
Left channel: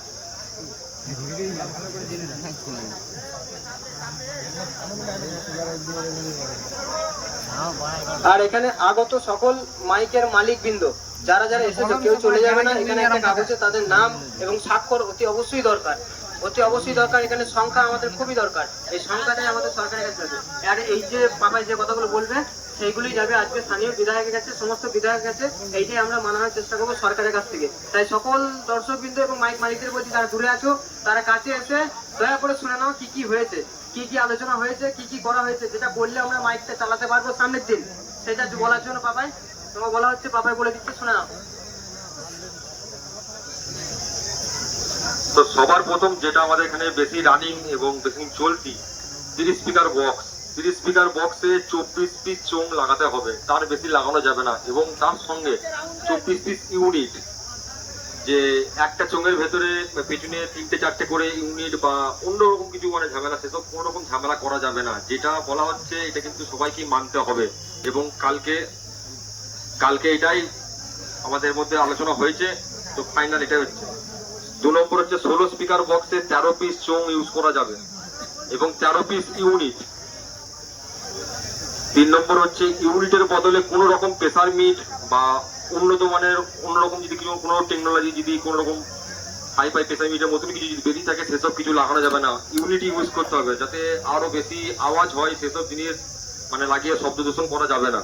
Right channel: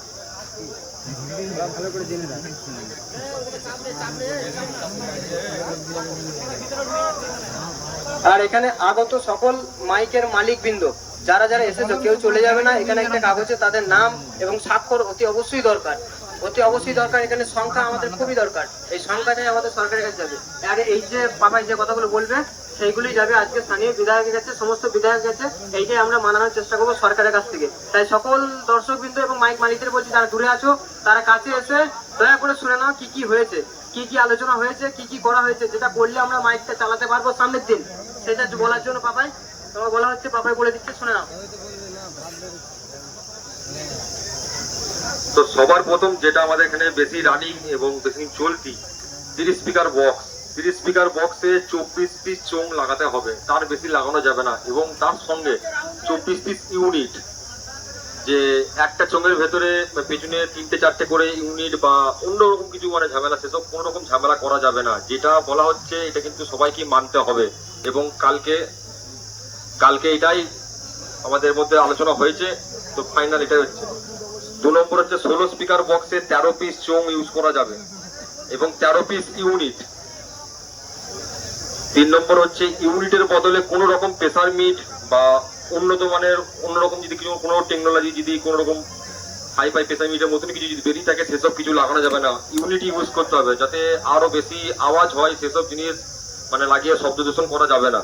আর এখানে আগত সকল মাইকের মালিকবৃন্দ যারা যারা এসেছো, কেউ চলে যাবে না। এখানে একটা কাগজে তাদের নাম এবং স্বাক্ষর অতি অবশ্যই দরকার, অতি অবশ্যই দরকার। এখানে সংখ্যা আমাদের খুবই দরকার, এই সংখ্যাটাই আমাদের সরকারের কাছে যাবে। আর এই যে পাপাই যে কথাগুলো বলবে সেইগুলি যাবে আজকে স্থানীয় বিধায়কের কাছে, সমস্ত বিধায়কের কাছে। এইটাই আমরা মানানোর চেষ্টা করবো সরকারের কাছ থেকে। তাই সকল দর্শকবৃন্দ এবং মাইক মালিকদের বলছি, যারা দূরে আছো তারা কাছে এসে দয়া করে শুনে নাও কি কি হয়েছে, কি কি আলোচনা হয়েছে, কি কি করা হয়েছে, যেটা করলে আমরা মাইকটা চালাতে পারবো সামনের দিন, সেটা বলার জন্য পাপাই তোমাকে বলা হচ্ছে। পাপাই বলে দিচ্ছে, শুনে নাও। তো সবার প্রথম যেটা আমাদের এখানে বেশি রানিং এবং বেশি চলতি 30 স্পিকার বক্স। 30 স্পিকার বক্সে 24 পিস চোং লাগাতে হবে, তার বেশি লাগানো যাবে না। এবং তার সঙ্গে 24 পিস ইউনিট, যে একটা চোঙের ভেতরে পেছনে 3-4টে করে ইউনিট বা অন্যরকম কিছু মানে ঝামেলা, সেসব কোনো রকম ঝামেলা করা যাবে না। যেটা বলা হচ্ছে এটা কিন্তু সবাইকে মানতে হবে। এবং কালকে এটাই আমাদের মধ্যে আলোচনা হয়েছে, তো ফাইনাল এটাই হচ্ছে। 2 নম্বর হচ্ছে 16 স্পিকার বক্সে 13 পিস চোং ইউজ করা যাবে এবং 13 পিস ইউনিট। 3 নম্বর হচ্ছে ইউনিটের বদলে কোনো রকম প্রেসার মিট বা উন্নত মানের অন্যরকম যদি কিছু কোনো টেকনোলজি, যদি কোনো রকম হাই প্রেসার মিটের মতন কিছু যদি বেরিয়ে থাকে, সেসব কিছু লাগানো যাবে না। ইউনিট ইউজ করতে হবে, যাতে আরো বেশি আওয়াজ হয়, সেসব জিনিস মানে লাগিয়ে শব্দ দূষণ করা যাবে না।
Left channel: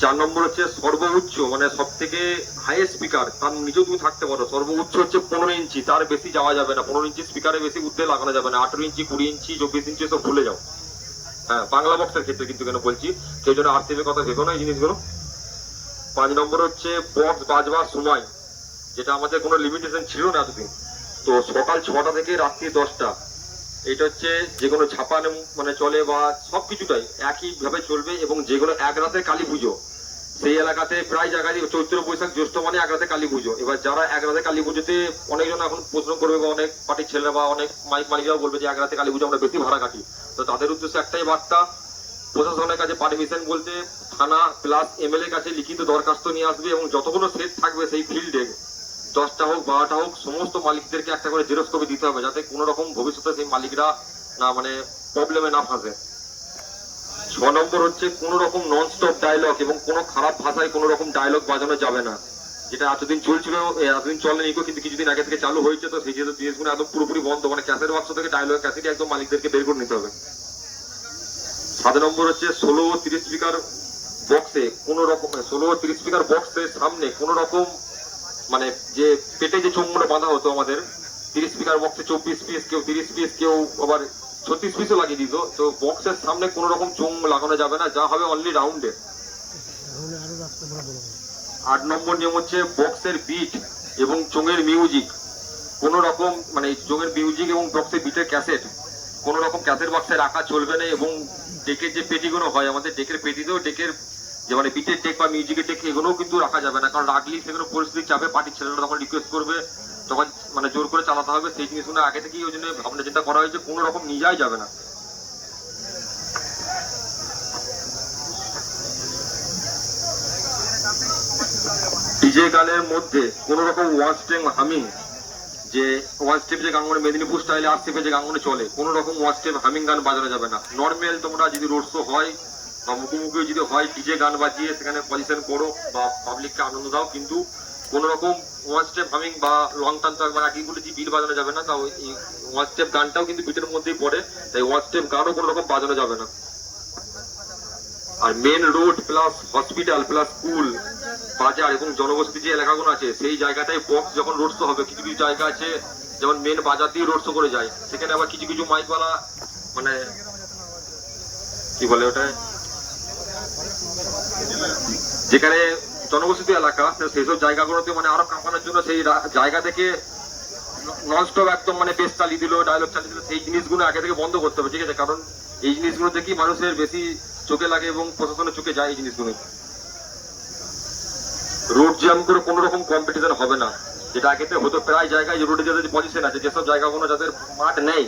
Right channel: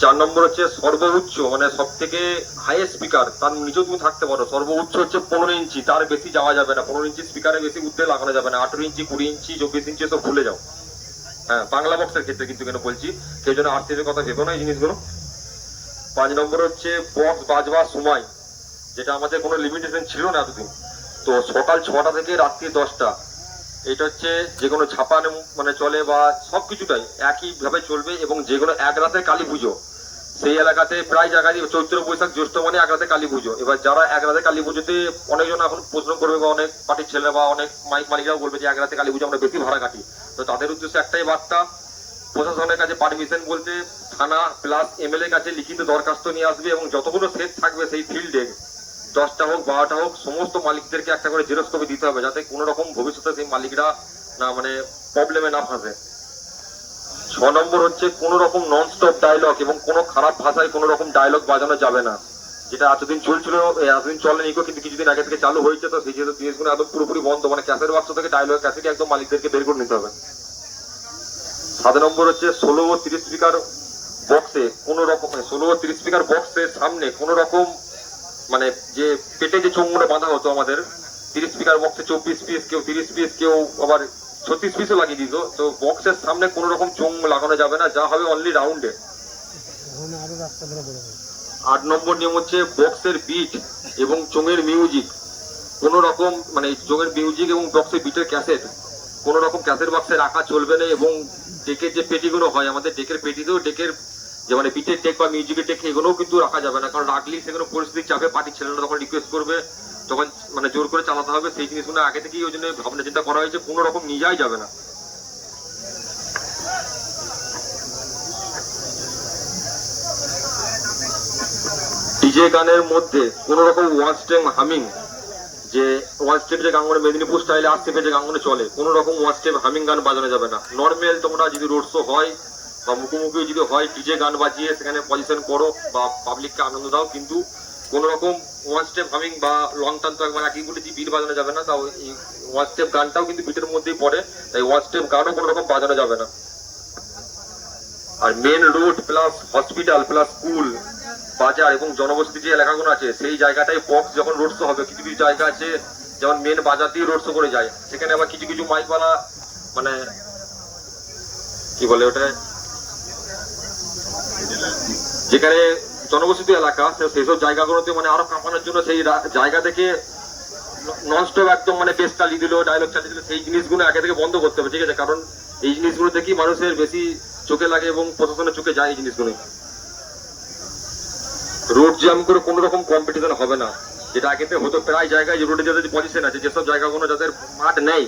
4 নম্বর হচ্ছে সর্বোচ্চ মানে সব থেকে হাইয়েস্ট স্পিকার, তার নিচেও তুমি থাকতে পারো। সর্বোচ্চ হচ্ছে 15 ইঞ্চি, তার বেশি যাওয়া যাবে না। 15 ইঞ্চি স্পিকারে বেশি উঠতে লাগানো যাবে না। 18 ইঞ্চি, 20 ইঞ্চি, 24 ইঞ্চি সব ভুলে যাও। হ্যাঁ, বাংলা বক্সের ক্ষেত্রে কিন্তু কেন বলছি, কেউ যেন আরসিএফ এর কথা ভেবো না এই জিনিসগুলো। 5 নম্বর হচ্ছে বক্স বাজবার সময়, যেটা আমাদের কোনো লিমিটেশন ছিল না এতদিন। তো সকাল 6টা থেকে রাত্রি 10টা, এটা হচ্ছে যে কোনো ছাপানো মানে চলে বা সবকিছুটাই একইভাবে চলবে। এবং যে কোনো এক রাতে কালী পুজো, সেই এলাকাতে প্রায় জায়গায় চৈত্র বৈশাখ জ্যৈষ্ঠ মানে এক রাতে কালী পুজো। এবার যারা এক রাতে কালী পুজোতে, অনেকজন এখন প্রশ্ন করবে বা অনেক পার্টির ছেলেরা বা অনেক মাইক মালিকরাও বলবে যে এক রাতে কালী পুজো আমরা বেশি ভাড়া কাটি। তো তাদের উদ্দেশ্যে একটাই বার্তা, প্রশাসনের কাছে পারমিশন বলতে থানা প্লাস এমএলএ কাছে লিখিত দরখাস্ত নিয়ে আসবে এবং যতগুলো সেট থাকবে সেই ফিল্ডে 10টা হোক 12টা হোক, সমস্ত মালিকদেরকে একটা করে জেরক্স কপি দিতে হবে, যাতে কোনো রকম ভবিষ্যতে সেই মালিকরা না মানে প্রবলেমে না ফাঁসে। 6 নম্বর হচ্ছে কোনো রকম নন স্টপ ডায়লগ এবং কোনো খারাপ ভাষায় কোনো রকম ডায়লগ বাজানো যাবে না, যেটা এতদিন চলছিল, এতদিন চলেনি কিন্তু কিছুদিন আগে থেকে চালু হয়েছে। তো সেই জিনিসগুলো একদম পুরোপুরি বন্ধ, মানে ক্যাসেট বাক্স থেকে ডায়লগ ক্যাসেট একদম মালিকদেরকে বের করে নিতে হবে। 7 নম্বর হচ্ছে 16 ও 30 স্পিকার বক্সে কোনো রকম 16 ও 30 স্পিকার বক্সের সামনে কোনো রকম মানে যে পেটে যে চোঙগুলো বাঁধা হতো আমাদের 30 স্পিকার বক্সে 24 পিস, কেউ 30 পিস, কেউ আবার 36 পিসও লাগিয়ে দিত। তো বক্সের সামনে কোনো রকম চোঙ লাগানো যাবে না, যা হবে অনলি রাউন্ডে। 8 নম্বর নিয়ম হচ্ছে বক্সের বিট এবং চোঙের মিউজিক কোনো রকম মানে চোঙের মিউজিক এবং বক্সের বিটের ক্যাসেট কোনো রকম ক্যাসেট বক্সে রাখা চলবে না। এবং ডেকের যে পেটিগুলো হয় আমাদের, ডেকের পেটিতেও ডেকের যে মানে বিটের টেক বা মিউজিকের টেক এগুলোও কিন্তু রাখা যাবে না, কারণ রাখলেই সেগুলো পরিস্থিতি চাপে পার্টির ছেলেরা তখন রিকোয়েস্ট করবে, তখন মানে জোর করে চালাতে হবে। সেই জিনিসগুলো আগে থেকেই ওই জন্য ভাবনা চিন্তা করা হয়েছে, কোনো রকম নিয়ে যাওয়াই যাবে না। ডিজে গানের মধ্যে কোনো রকম ওয়ান স্টেম হামিং, যে ওয়ান স্টেপ যে গানগুলো মেদিনীপুর স্টাইলে আরসিএফে যে গানগুলো চলে, কোনো রকম ওয়ান স্টেপ হামিং গান বাজানো যাবে না। নর্মাল তোমরা যদি রোড শো হয় বা মুখোমুখি যদি হয়, ডিজে গান বাজিয়ে সেখানে পজিশন করো বা পাবলিককে আনন্দ দাও, কিন্তু কোন রকম ওয়ান স্টেপ হামিং বা লং টার্ন তো একবার একই বলেছি বিট বাজানো যাবে না। তাও এই ওয়ান স্টেপ গানটাও কিন্তু বিটের মধ্যেই পড়ে, তাই ওয়ান স্টেপ গানও কোনো রকম বাজানো যাবে না। আর main road plus hospital plus school, বাজার এবং জনবসতি যে এলাকাগুলো আছে, সেই জায়গাটাই বক্স যখন রোড শো হবে, কিছু কিছু জায়গা আছে যেমন মেন বাজার দিয়ে রোড শো করে যায়, সেখানে আবার কিছু কিছু মাইকওয়ালা মানে কি বলে ওটা, যেখানে জনবসতি এলাকা সেসব জায়গাগুলোতে মানে আরো কাঁপানোর জন্য সেই জায়গা থেকে ননস্টপ একদম মানে বেস চালিয়ে দিল, ডায়লগ চালিয়ে দিল, সেই জিনিসগুলো আগে থেকে বন্ধ করতে হবে, ঠিক আছে? কারণ এই জিনিসগুলো দেখি মানুষের বেশি চোখে লাগে এবং প্রশাসনের চোখে যায় এই জিনিসগুলো। রোড জ্যাম করে কোনো রকম কম্পিটিশন হবে না, যেটা আগে থেকে হতো প্রায় জায়গায়। রোডে যাদের পজিশন আছে, যেসব জায়গাগুলো যাদের মাঠ নেই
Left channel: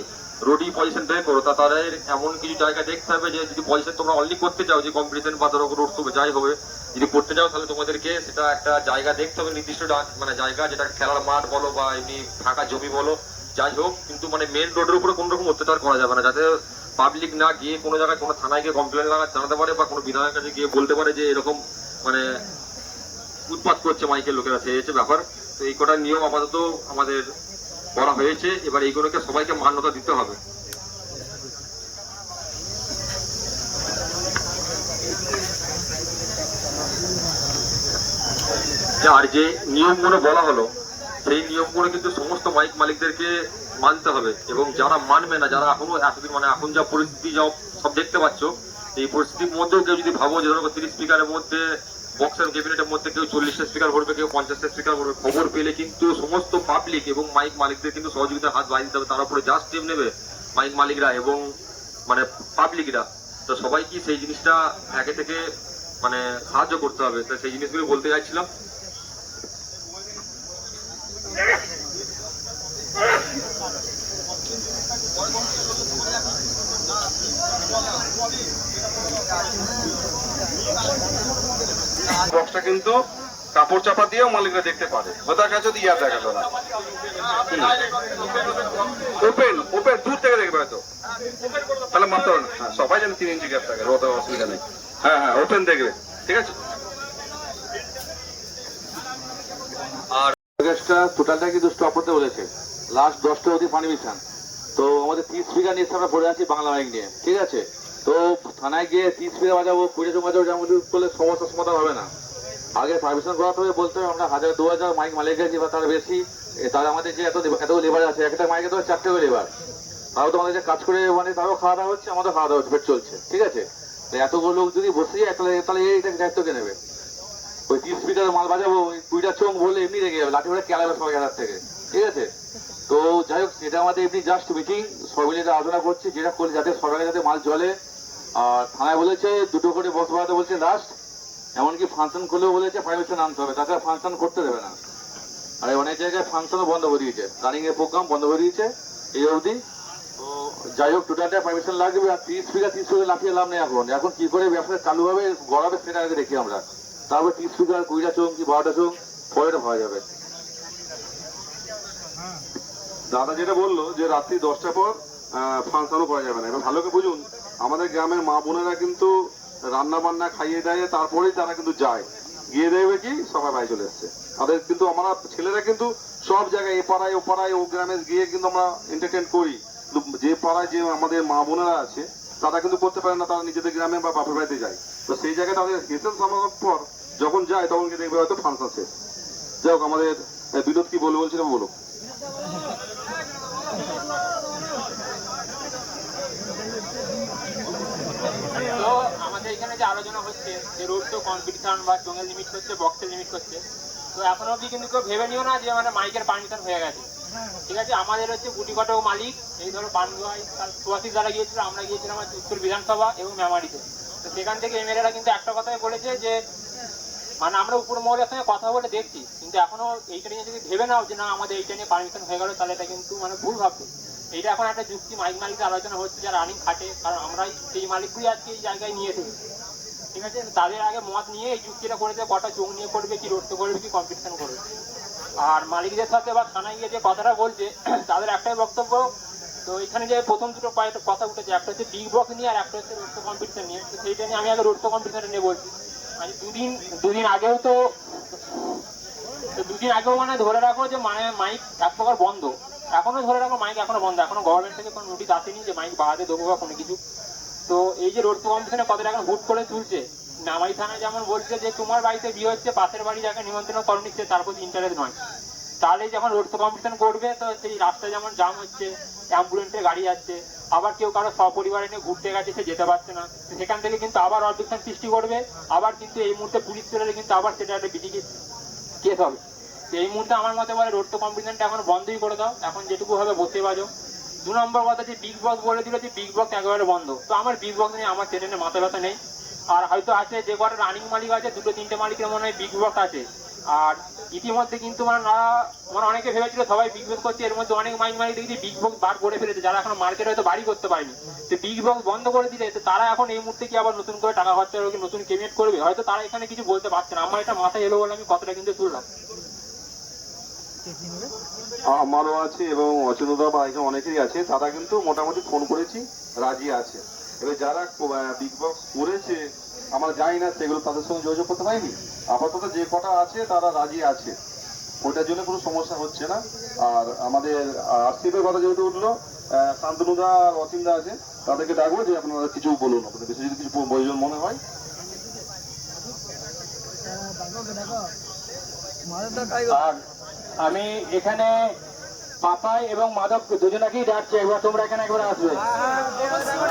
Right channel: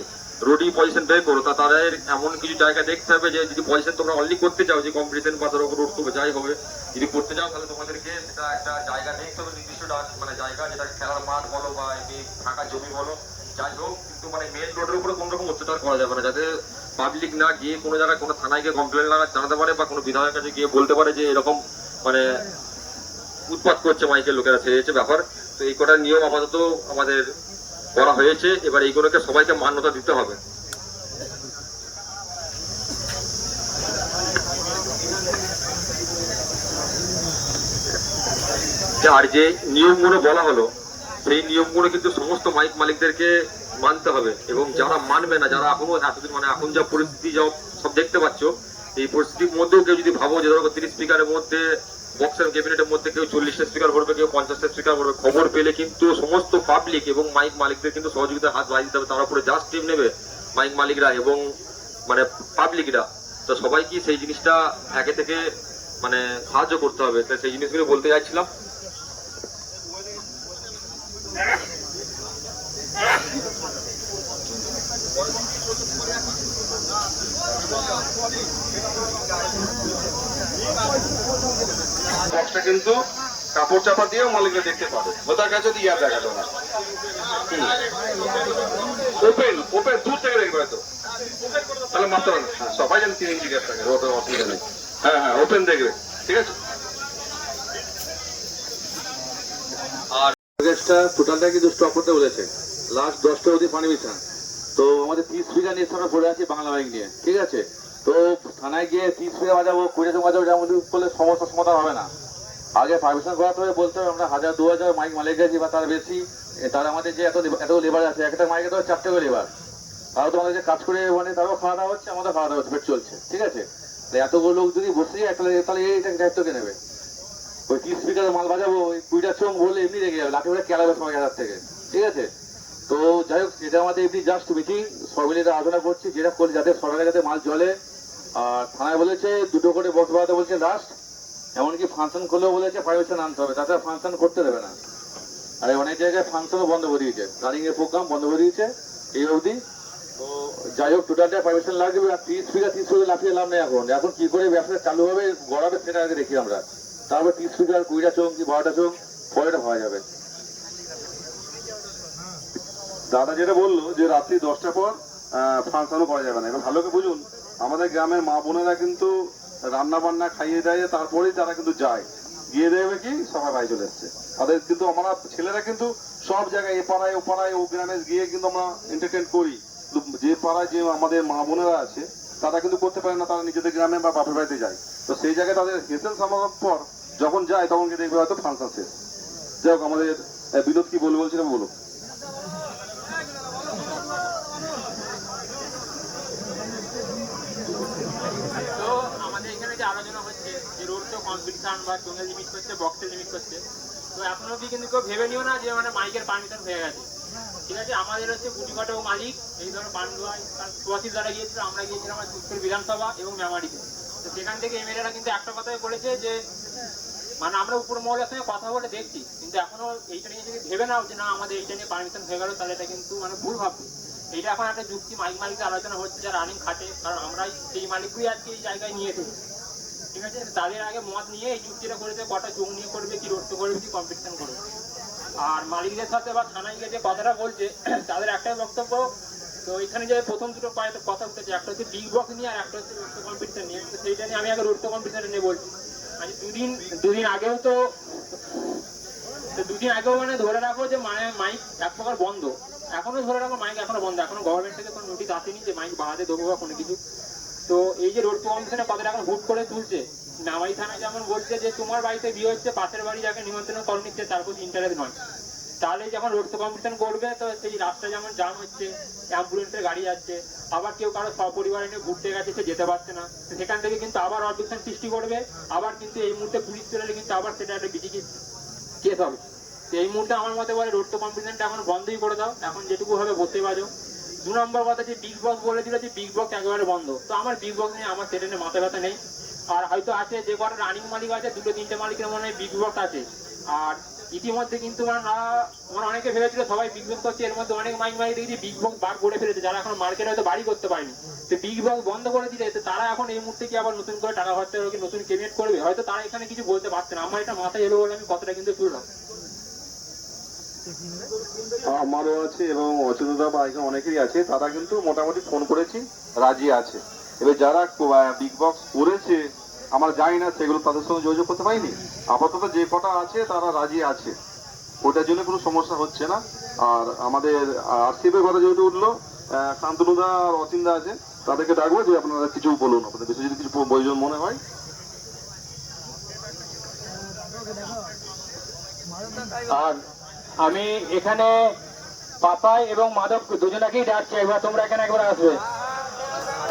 রোডি পজিশন বের করো, তা তাদের এমন কিছু জায়গা দেখতে হবে যে যদি পজিশন তোমরা অনলি করতে চাও, যে কম্পিটিশন বা ধরো রোড তো যাই হবে, যদি করতে চাও তাহলে তোমাদেরকে সেটা একটা জায়গা দেখতে হবে, নির্দিষ্ট মানে জায়গা, যেটা খেলার মাঠ বলো বা এমনি ফাঁকা জমি বলো, যাই হোক, কিন্তু মানে মেন রোডের উপরে কোনো রকম অত্যাচার করা যাবে না, যাতে পাবলিক না গিয়ে কোনো জায়গায় কোনো থানায় গিয়ে কমপ্লেন জানাতে পারে বা কোনো বিধায়কের কাছে গিয়ে বলতে পারে যে এরকম মানে উৎপাত করছে মাইকের লোকেরা, সেই হচ্ছে ব্যাপার। তো এই কটা নিয়ম আপাতত আমাদের করা হয়েছে, এবার এইগুলোকে সবাইকে মান্যতা দিতে হবে। আর যে নিয়মগুলো বলা হলো সেই নিয়মগুলো কিন্তু সমস্ত মাইক মালিকদেরকে মানতে হবে, এবং যারা মানবে না, যারা এখনো এতদিন মানে এখন যা পরিস্থিতি যা সব দেখতে পাচ্ছ, এই পরিস্থিতির মধ্যেও কেউ যদি ভাবো যে ধরো 30 স্পিকারের মধ্যে বক্সের ক্যাবিনেটের মধ্যে কেউ 40টা স্পিকার ভরবে, কেউ 50টা স্পিকার ভরবে, খবর পেলে কিন্তু সমস্ত পাবলিক এবং মাইক মালিকদের কিন্তু সহযোগিতার হাত বাড়িয়ে দিতে হবে। তার উপরে যা স্টেপ নেবে মাইক মালিকরা এবং মানে পাবলিকরা, তো সবাই কি সেই জিনিসটা একে থেকে মানে সাহায্য করতে হবে। তো সেই জিনিসগুলো বলতে চাইছিলাম। বক্সটা কিন্তু কাপড় চাপা দিয়েও মালিকরা দেখতে পারে, ওটার কাছে যদি ইয়ার দেখাতো না, ওপেন ওপেন দূর থেকে দেখবে হয়তো, তাহলে মারতে হবে না। হ্যাঁ, সবাই জানে 3 ইঞ্চি গ্যাস থাকে, ওটা অসুবিধা নেই। হ্যাঁ হ্যাঁ, ওপেন দেখবে, ঠিক আছে। আর গ্যাসটা টোটালটা কিন্তু স্টপ করতে বলেছে, লাস্ট 10টা অবধি পারমিশন। তো আমাদের 30 স্পিকার নিয়ে আমরা পড়ে আছি বাংলা মাইক নিয়ে, ঠিক আছে। তো থানায় গিয়ে 30 স্পিকার বাজাবো, 20 বাজাবো, যেমন করলে সমস্যার সমাধান হবে না। আগে পারমিশন করাতে হবে, বলতে হবে আমরা 1000-2000 মাইক মালিক গেছি বা তার বেশি, তাহলে আমাদের যে এত লেবার আছে, একটা মাইকে তো 4টে করে লেবার, তাও তো আমাদের যে কাজ করে মানে তারও খাওয়া দাওয়া হচ্ছে, আমাদের খাওয়া দাওয়া হচ্ছে, পেট চলছে, ঠিক আছে। এতগুলো লোক যদি বসে যায় তাহলে এই দায়িত্ব কে নেবে? ওই 30 স্পিকারের মাল বাজাবো, ওই 20টা চোখ বললে এমনি রেগে যাবে, লাঠি করে কেলাবে সবাই হাজার থেকে, ঠিক আছে। তো যাই হোক, এটা আমাদের এমনি জাস্ট মিটিং, সব মিলে আলোচনা করছি যেটা করলে যাতে সরকারের যাতে মাল চলে। আর থানায় বলেছে 2টো করে বক্স বাড়াতে বলছে লাস্ট, এমনকি ফাংশন করলেও বলেছে পারমিশন আনতে হবে, তাছাড়া ফাংশন করতে দেবে না। আর অনেক জায়গায় ফাংশনও বন্ধ করে দিয়েছে, রানিং এর প্রোগ্রাম বন্ধ করে দিয়েছে এই অবধি। তো যাই হোক, টোটালটা পারমিশন লাগবে। আর 30 স্পিকার লাফিয়ে লাভ নেই, এখন কি করে ব্যবসা চালু হবে গড়াবে সেটা আগে দেখি আমরা, তারপর 30 স্পিকার 20টা চোখ কি 12টা চোখ পরে এটা ভাবা যাবে। দাদা যেটা বললো যে রাত্রি 10টা পর ফাংশনও করা যাবে না, এবার ভালো করে বুঝুন, আমাদের গ্রামের মা বোনেরা কিন্তু রান্না বান্না খাইয়ে দেয়, তারপরেই তারা কিন্তু যায়, গিয়ে দেবে কি সবাই বাড়ি চলে এসছে। তাদের কিন্তু আমরা ছেলেরা কিন্তু সব জায়গায় এ পাড়ায় ও পাড়ায় ও গ্রামে গিয়ে কিন্তু আমরা এন্টারটেন করি, যে পাড়ায় যে আমাদের মা বোনেরা আছে তারা কিন্তু করতে পারে না, তারা নিজেদের গ্রামে বা বাপের বাড়িতে যায়। তো সেই জায়গায় তাদের হেসেল সমাগম পর যখন যায় তখন কি দেখবে হয়তো ফাংশন শেষ। যাই হোক, আমাদের বিনোদ কি বলছিলাম বলুক। তো আমাদের এখানে যে আলোচনা হচ্ছে যে রোড তো কম্পিটিশন বা চোঙের লিমিট করছে, বক্সের লিমিট করছে, তো এখনো অবধি কিন্তু কেউ ভেবে নিও না যে মানে মাইকের পারমিশন হয়ে গেছে, ঠিক আছে। আমাদের হচ্ছে গুটি কটাও মালিক, এই ধরো পান্ডুয়াই সুয়াশিস দ্বারা গিয়েছিল, আমরা গিয়েছিলাম উত্তর বিধানসভা এবং মেমারিতে। তো সেখান থেকে এমএলএরা কিন্তু একটা কথাই বলেছে যে মানে আমরা উপর মহলের সঙ্গে কথা বলে দেখছি, কিন্তু এখনো এইটা নিয়ে যদি ভেবে নাও যে না আমাদের এইটা নিয়ে পারমিশন হয়ে গেল, তাহলে এটা কিন্তু মানে ভুল ভাববে। এইটা এখন একটা যুক্তি মাইক মালিকের আলোচনা হচ্ছে, যারা রানিং খাটে, কারণ আমরাই সেই মালিকগুলি আজকে এই জায়গায় নিয়ে এসেছি, ঠিক আছে। তাদের আগে মত নিয়ে এই যুক্তিটা করেছে, কটা চোখ নিয়ে করবে, কি রোডতে করবে, কি কম্পিটিশন করবে। আর মালিকদের সাথে বা থানায় গিয়ে যে কথাটা বলছে তাদের একটাই বক্তব্য। তো এখানে যে প্রথম দুটো কথা উঠেছে, একটা হচ্ছে বিগ বক্স নিয়ে আর একটা হচ্ছে রোড কম্পিটিশন নিয়ে। তো সেইটা নিয়ে আমি আগে রোড কম্পিটিশন নিয়ে বলছি। মানে দুদিন আগেও মানে ধরে রাখো যে মানে মাইক এক প্রকার বন্ধ, এখনো ধরে রাখো মাইক এখনো বন্ধ, এখনো গভর্নমেন্ট থেকে কোনো নোটিশ আসেনি যে মাইক বাড়াতে দেবো বা কোনো কিছু। তো এই যে রোড কম্পিটিশনে কথাটা এখন হুট করে তুলছে, নামাই থানা যেমন বলছে যে তোমার বাড়িতে বিয়ে হচ্ছে, পাশের বাড়ি যাকে নিমন্ত্রণ করে নিচ্ছে, তার প্রতি ইন্টারেস্ট নয়। তাহলে যখন রোড কম্পিটিশন করবে তো সেই রাস্তায় যেমন জাম হচ্ছে, অ্যাম্বুলেন্সের গাড়ি যাচ্ছে, আবার কেউ কারো সপরিবারে নিয়ে ঘুরতে গেছে, সে যেতে পারছে না, সেখান থেকে কিন্তু আবার অবজেকশন সৃষ্টি করবে। আবার কিন্তু এই মুহূর্তে পুলিশ চলে এলে কিন্তু আবার সেটা একটা বিডিকে কেস হবে। এই মুহূর্তে আমার মতে বলে রোড কম্পিটিশনটা এখন বন্ধই করে দাও, এখন যেটুকু হবে বসে বাজো। 2 নম্বর কথা, যে বিগ বক্স বলে দিল যে বিগ বক্স একেবারে বন্ধ, তো আমার বিগ বক্স নিয়ে আমার সেটা নিয়ে মাথা ব্যথা নেই। আর হয়তো আছে যে কটা রানিং মালিক আছে, 2-3টে মালিকের মনে হয় বিগ বক্স আছে, আর ইতিমধ্যে কিন্তু মানে অনেকে ভেবেছিল সবাই বিগ বক্স করছে, এর মধ্যে অনেক মাইক দেখি বিগ বক্স বার করে ফেলেছে, যারা এখন মার্কেটে হয়তো বাড়ি করতে পারেনি। তো বিগ বক্স বন্ধ করে দিলে তো তারা এখন এই মুহূর্তে কি আবার নতুন করে টাকা খরচা করবে, নতুন পেমেন্ট করবে, হয়তো তারা এখানে কিছু বলতে পারছে না। আমার এটা মাথায় এলো বলে আমি কথাটা কিন্তু তুললাম। আমারও আছে এবং অচেতনতা বা এখানে অনেকেই আছে, তারা কিন্তু মোটামুটি ফোন করেছি, রাজি আছে। এবার যারা বিগ বক্স করেছে আমরা জানি না, সেগুলো তাদের সঙ্গে যোগাযোগ করতে পারিনি। আপাতত যে কটা আছে তারা রাজি আছে, ওটার জন্য কোনো সমস্যা হচ্ছে না। আর আমাদের আরসিএফের কথা যেহেতু উঠলো, শান্তনুদা আর অচিন্দা আছে, তাদেরকে ডাকবো যে আপনারা কিছু বলুন, আপনাদের বেশি যদি কিছু প্রয়োজন মনে হয়। আর আমি এখানে পাপাই এবং মাধব দুজনাকেই ডাকছি, এবার তোমরা এখানে একবার আসবে।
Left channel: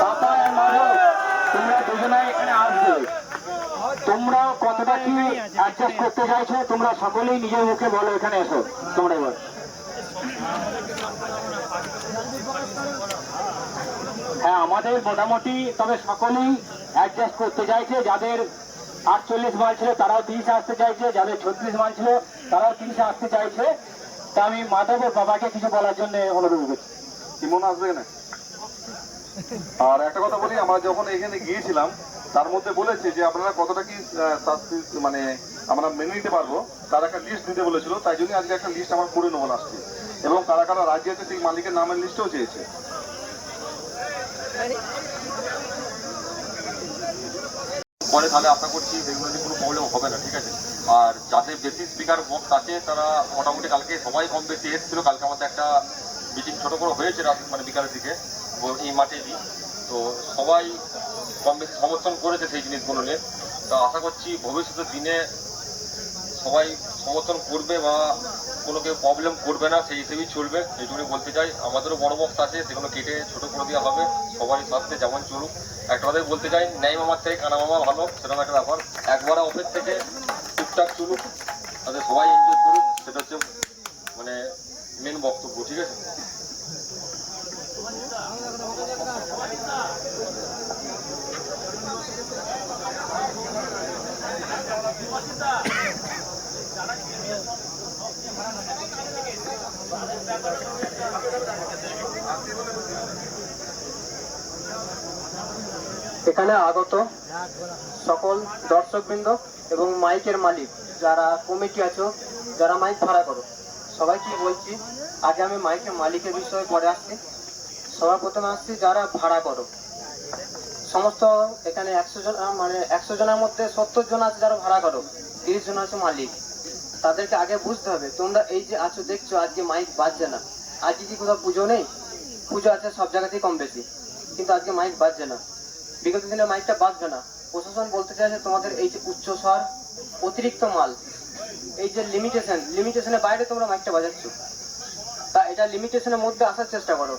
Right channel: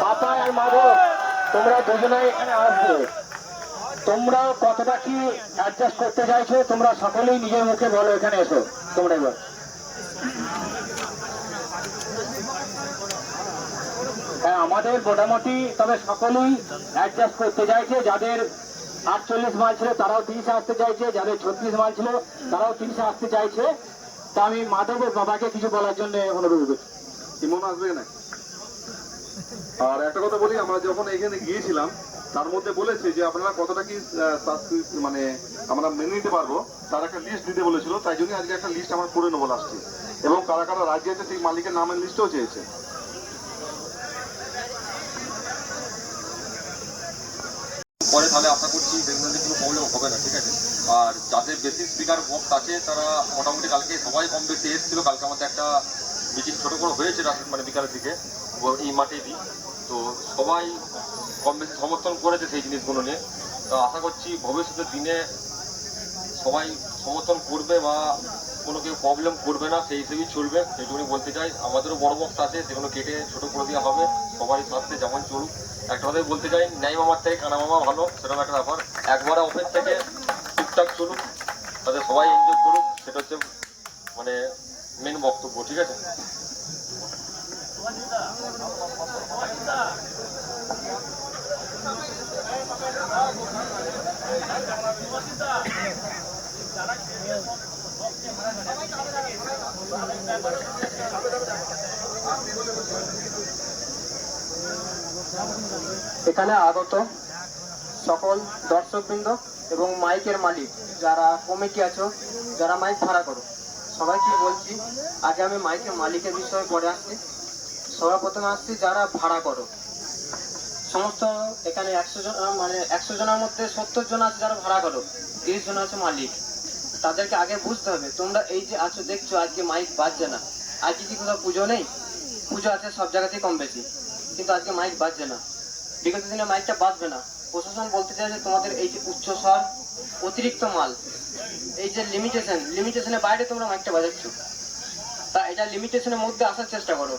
পাপাই আর মাধব তোমরা দুজনাই এখানে আসবে। তোমরা কতটা কি অ্যাডজাস্ট করতে চাইছো তোমরা সকলেই নিজের মুখে বলো, এখানে এসো তোমরা এবার। হ্যাঁ, আমাদের মোটামুটি তবে সকলেই অ্যাডজাস্ট করতে চাইছে। যাদের 48 মাইল ছিল তারাও 30 আসতে চাইছে, যাদের 36 মাইল ছিল তারাও 30 আসতে চাইছে। তা আমি মাধবের বাবাকে কিছু বলার জন্য অনুরোধ করছি। ইমন আসবে না? আর একটা কথা বলি, আমরা যখন এখানে গিয়েছিলাম তার মধ্যে বলেছে যে আপনারা কতটা কি মানে আমরা মেনে নিতে পারবো, তার একটা লিস্ট দিতে বলেছিল। তাই জন্য আজকে একটা লিস্ট আমরা করে নেবো লাস্টে, এবং কারা কারা রাজি আছে সেই মালিকের নামের লিস্টও চেয়েছে। পরে তাহলে আশা করছি সেগুলো নিয়ে কোনো প্রবলেম হবে না, ঠিক আছে। আর যাদের বেশি স্পিকার বক্স আছে তারা মোটামুটি কালকে সবাই কম বেশি এসেছিল। কালকে আমাদের একটা মিটিং ছোটো করে হয়েছে মানে বিকালের দিকে এই মাঠেই। তো সবাই কম বেশি সমর্থন করেছে সেই জিনিসগুলো নিয়ে। তো আশা করছি ভবিষ্যতের দিনে সবাই সমর্থন করবে বা কোনো কেউ প্রবলেম করবে না, সেই হিসেবেই চলবে, এইটুকুনি বলতে চাই। আমাদেরও বড় বক্স আছে, সেগুলো কেটে ছোটো করে দেওয়া হবে, সবারই সাথে যেমন চলুক। একটা কথাই বলতে চাই, ন্যায় মামার থেকে কানা মামা ভালো, সেরকম একটা ব্যাপার। একবারে অফিস থেকে টুকটাক চলুক, তাতে সবাই এনজয় করুক, সেটা হচ্ছে মানে মেন বক্তব্য, ঠিক আছে। এখানে আগত সকল দর্শকবৃন্দ এবং মাইকের মালিক, যারা কমিটি আছো, যারা মাইক ভাড়া করো, সবাইকে বলছি, আগে আমি মাইকের মালিকের বিষয়ে পরে আসছি। সবার প্রথমে আসছি যারা ভাড়া করো, সমস্ত এখানে 100 জন, মানে 100 জনের মধ্যে 70 জন আছে যারা ভাড়া করো, 30 জন আছে মালিক। তাদেরকে আগে বুঝতে হবে, তোমরা এই যে আছো দেখছো আজকে মাইক বাজছে না, আজকে কি কোথাও পুজো নেই? পুজো আছে সব জায়গাতেই কম বেশি, কিন্তু আজকে মাইক বাজছে না, বিগত দিনে মাইকটা বাজবে না। প্রশাসন বলতে চাইছে তোমাদের এই যে উচ্চস্বর, অতিরিক্ত মাল, এই যে লিমিটেশনের বাইরে তোমরা মাইকটা বাজাচ্ছ, তা এটা লিমিটেশনের মধ্যে আসার চেষ্টা করো।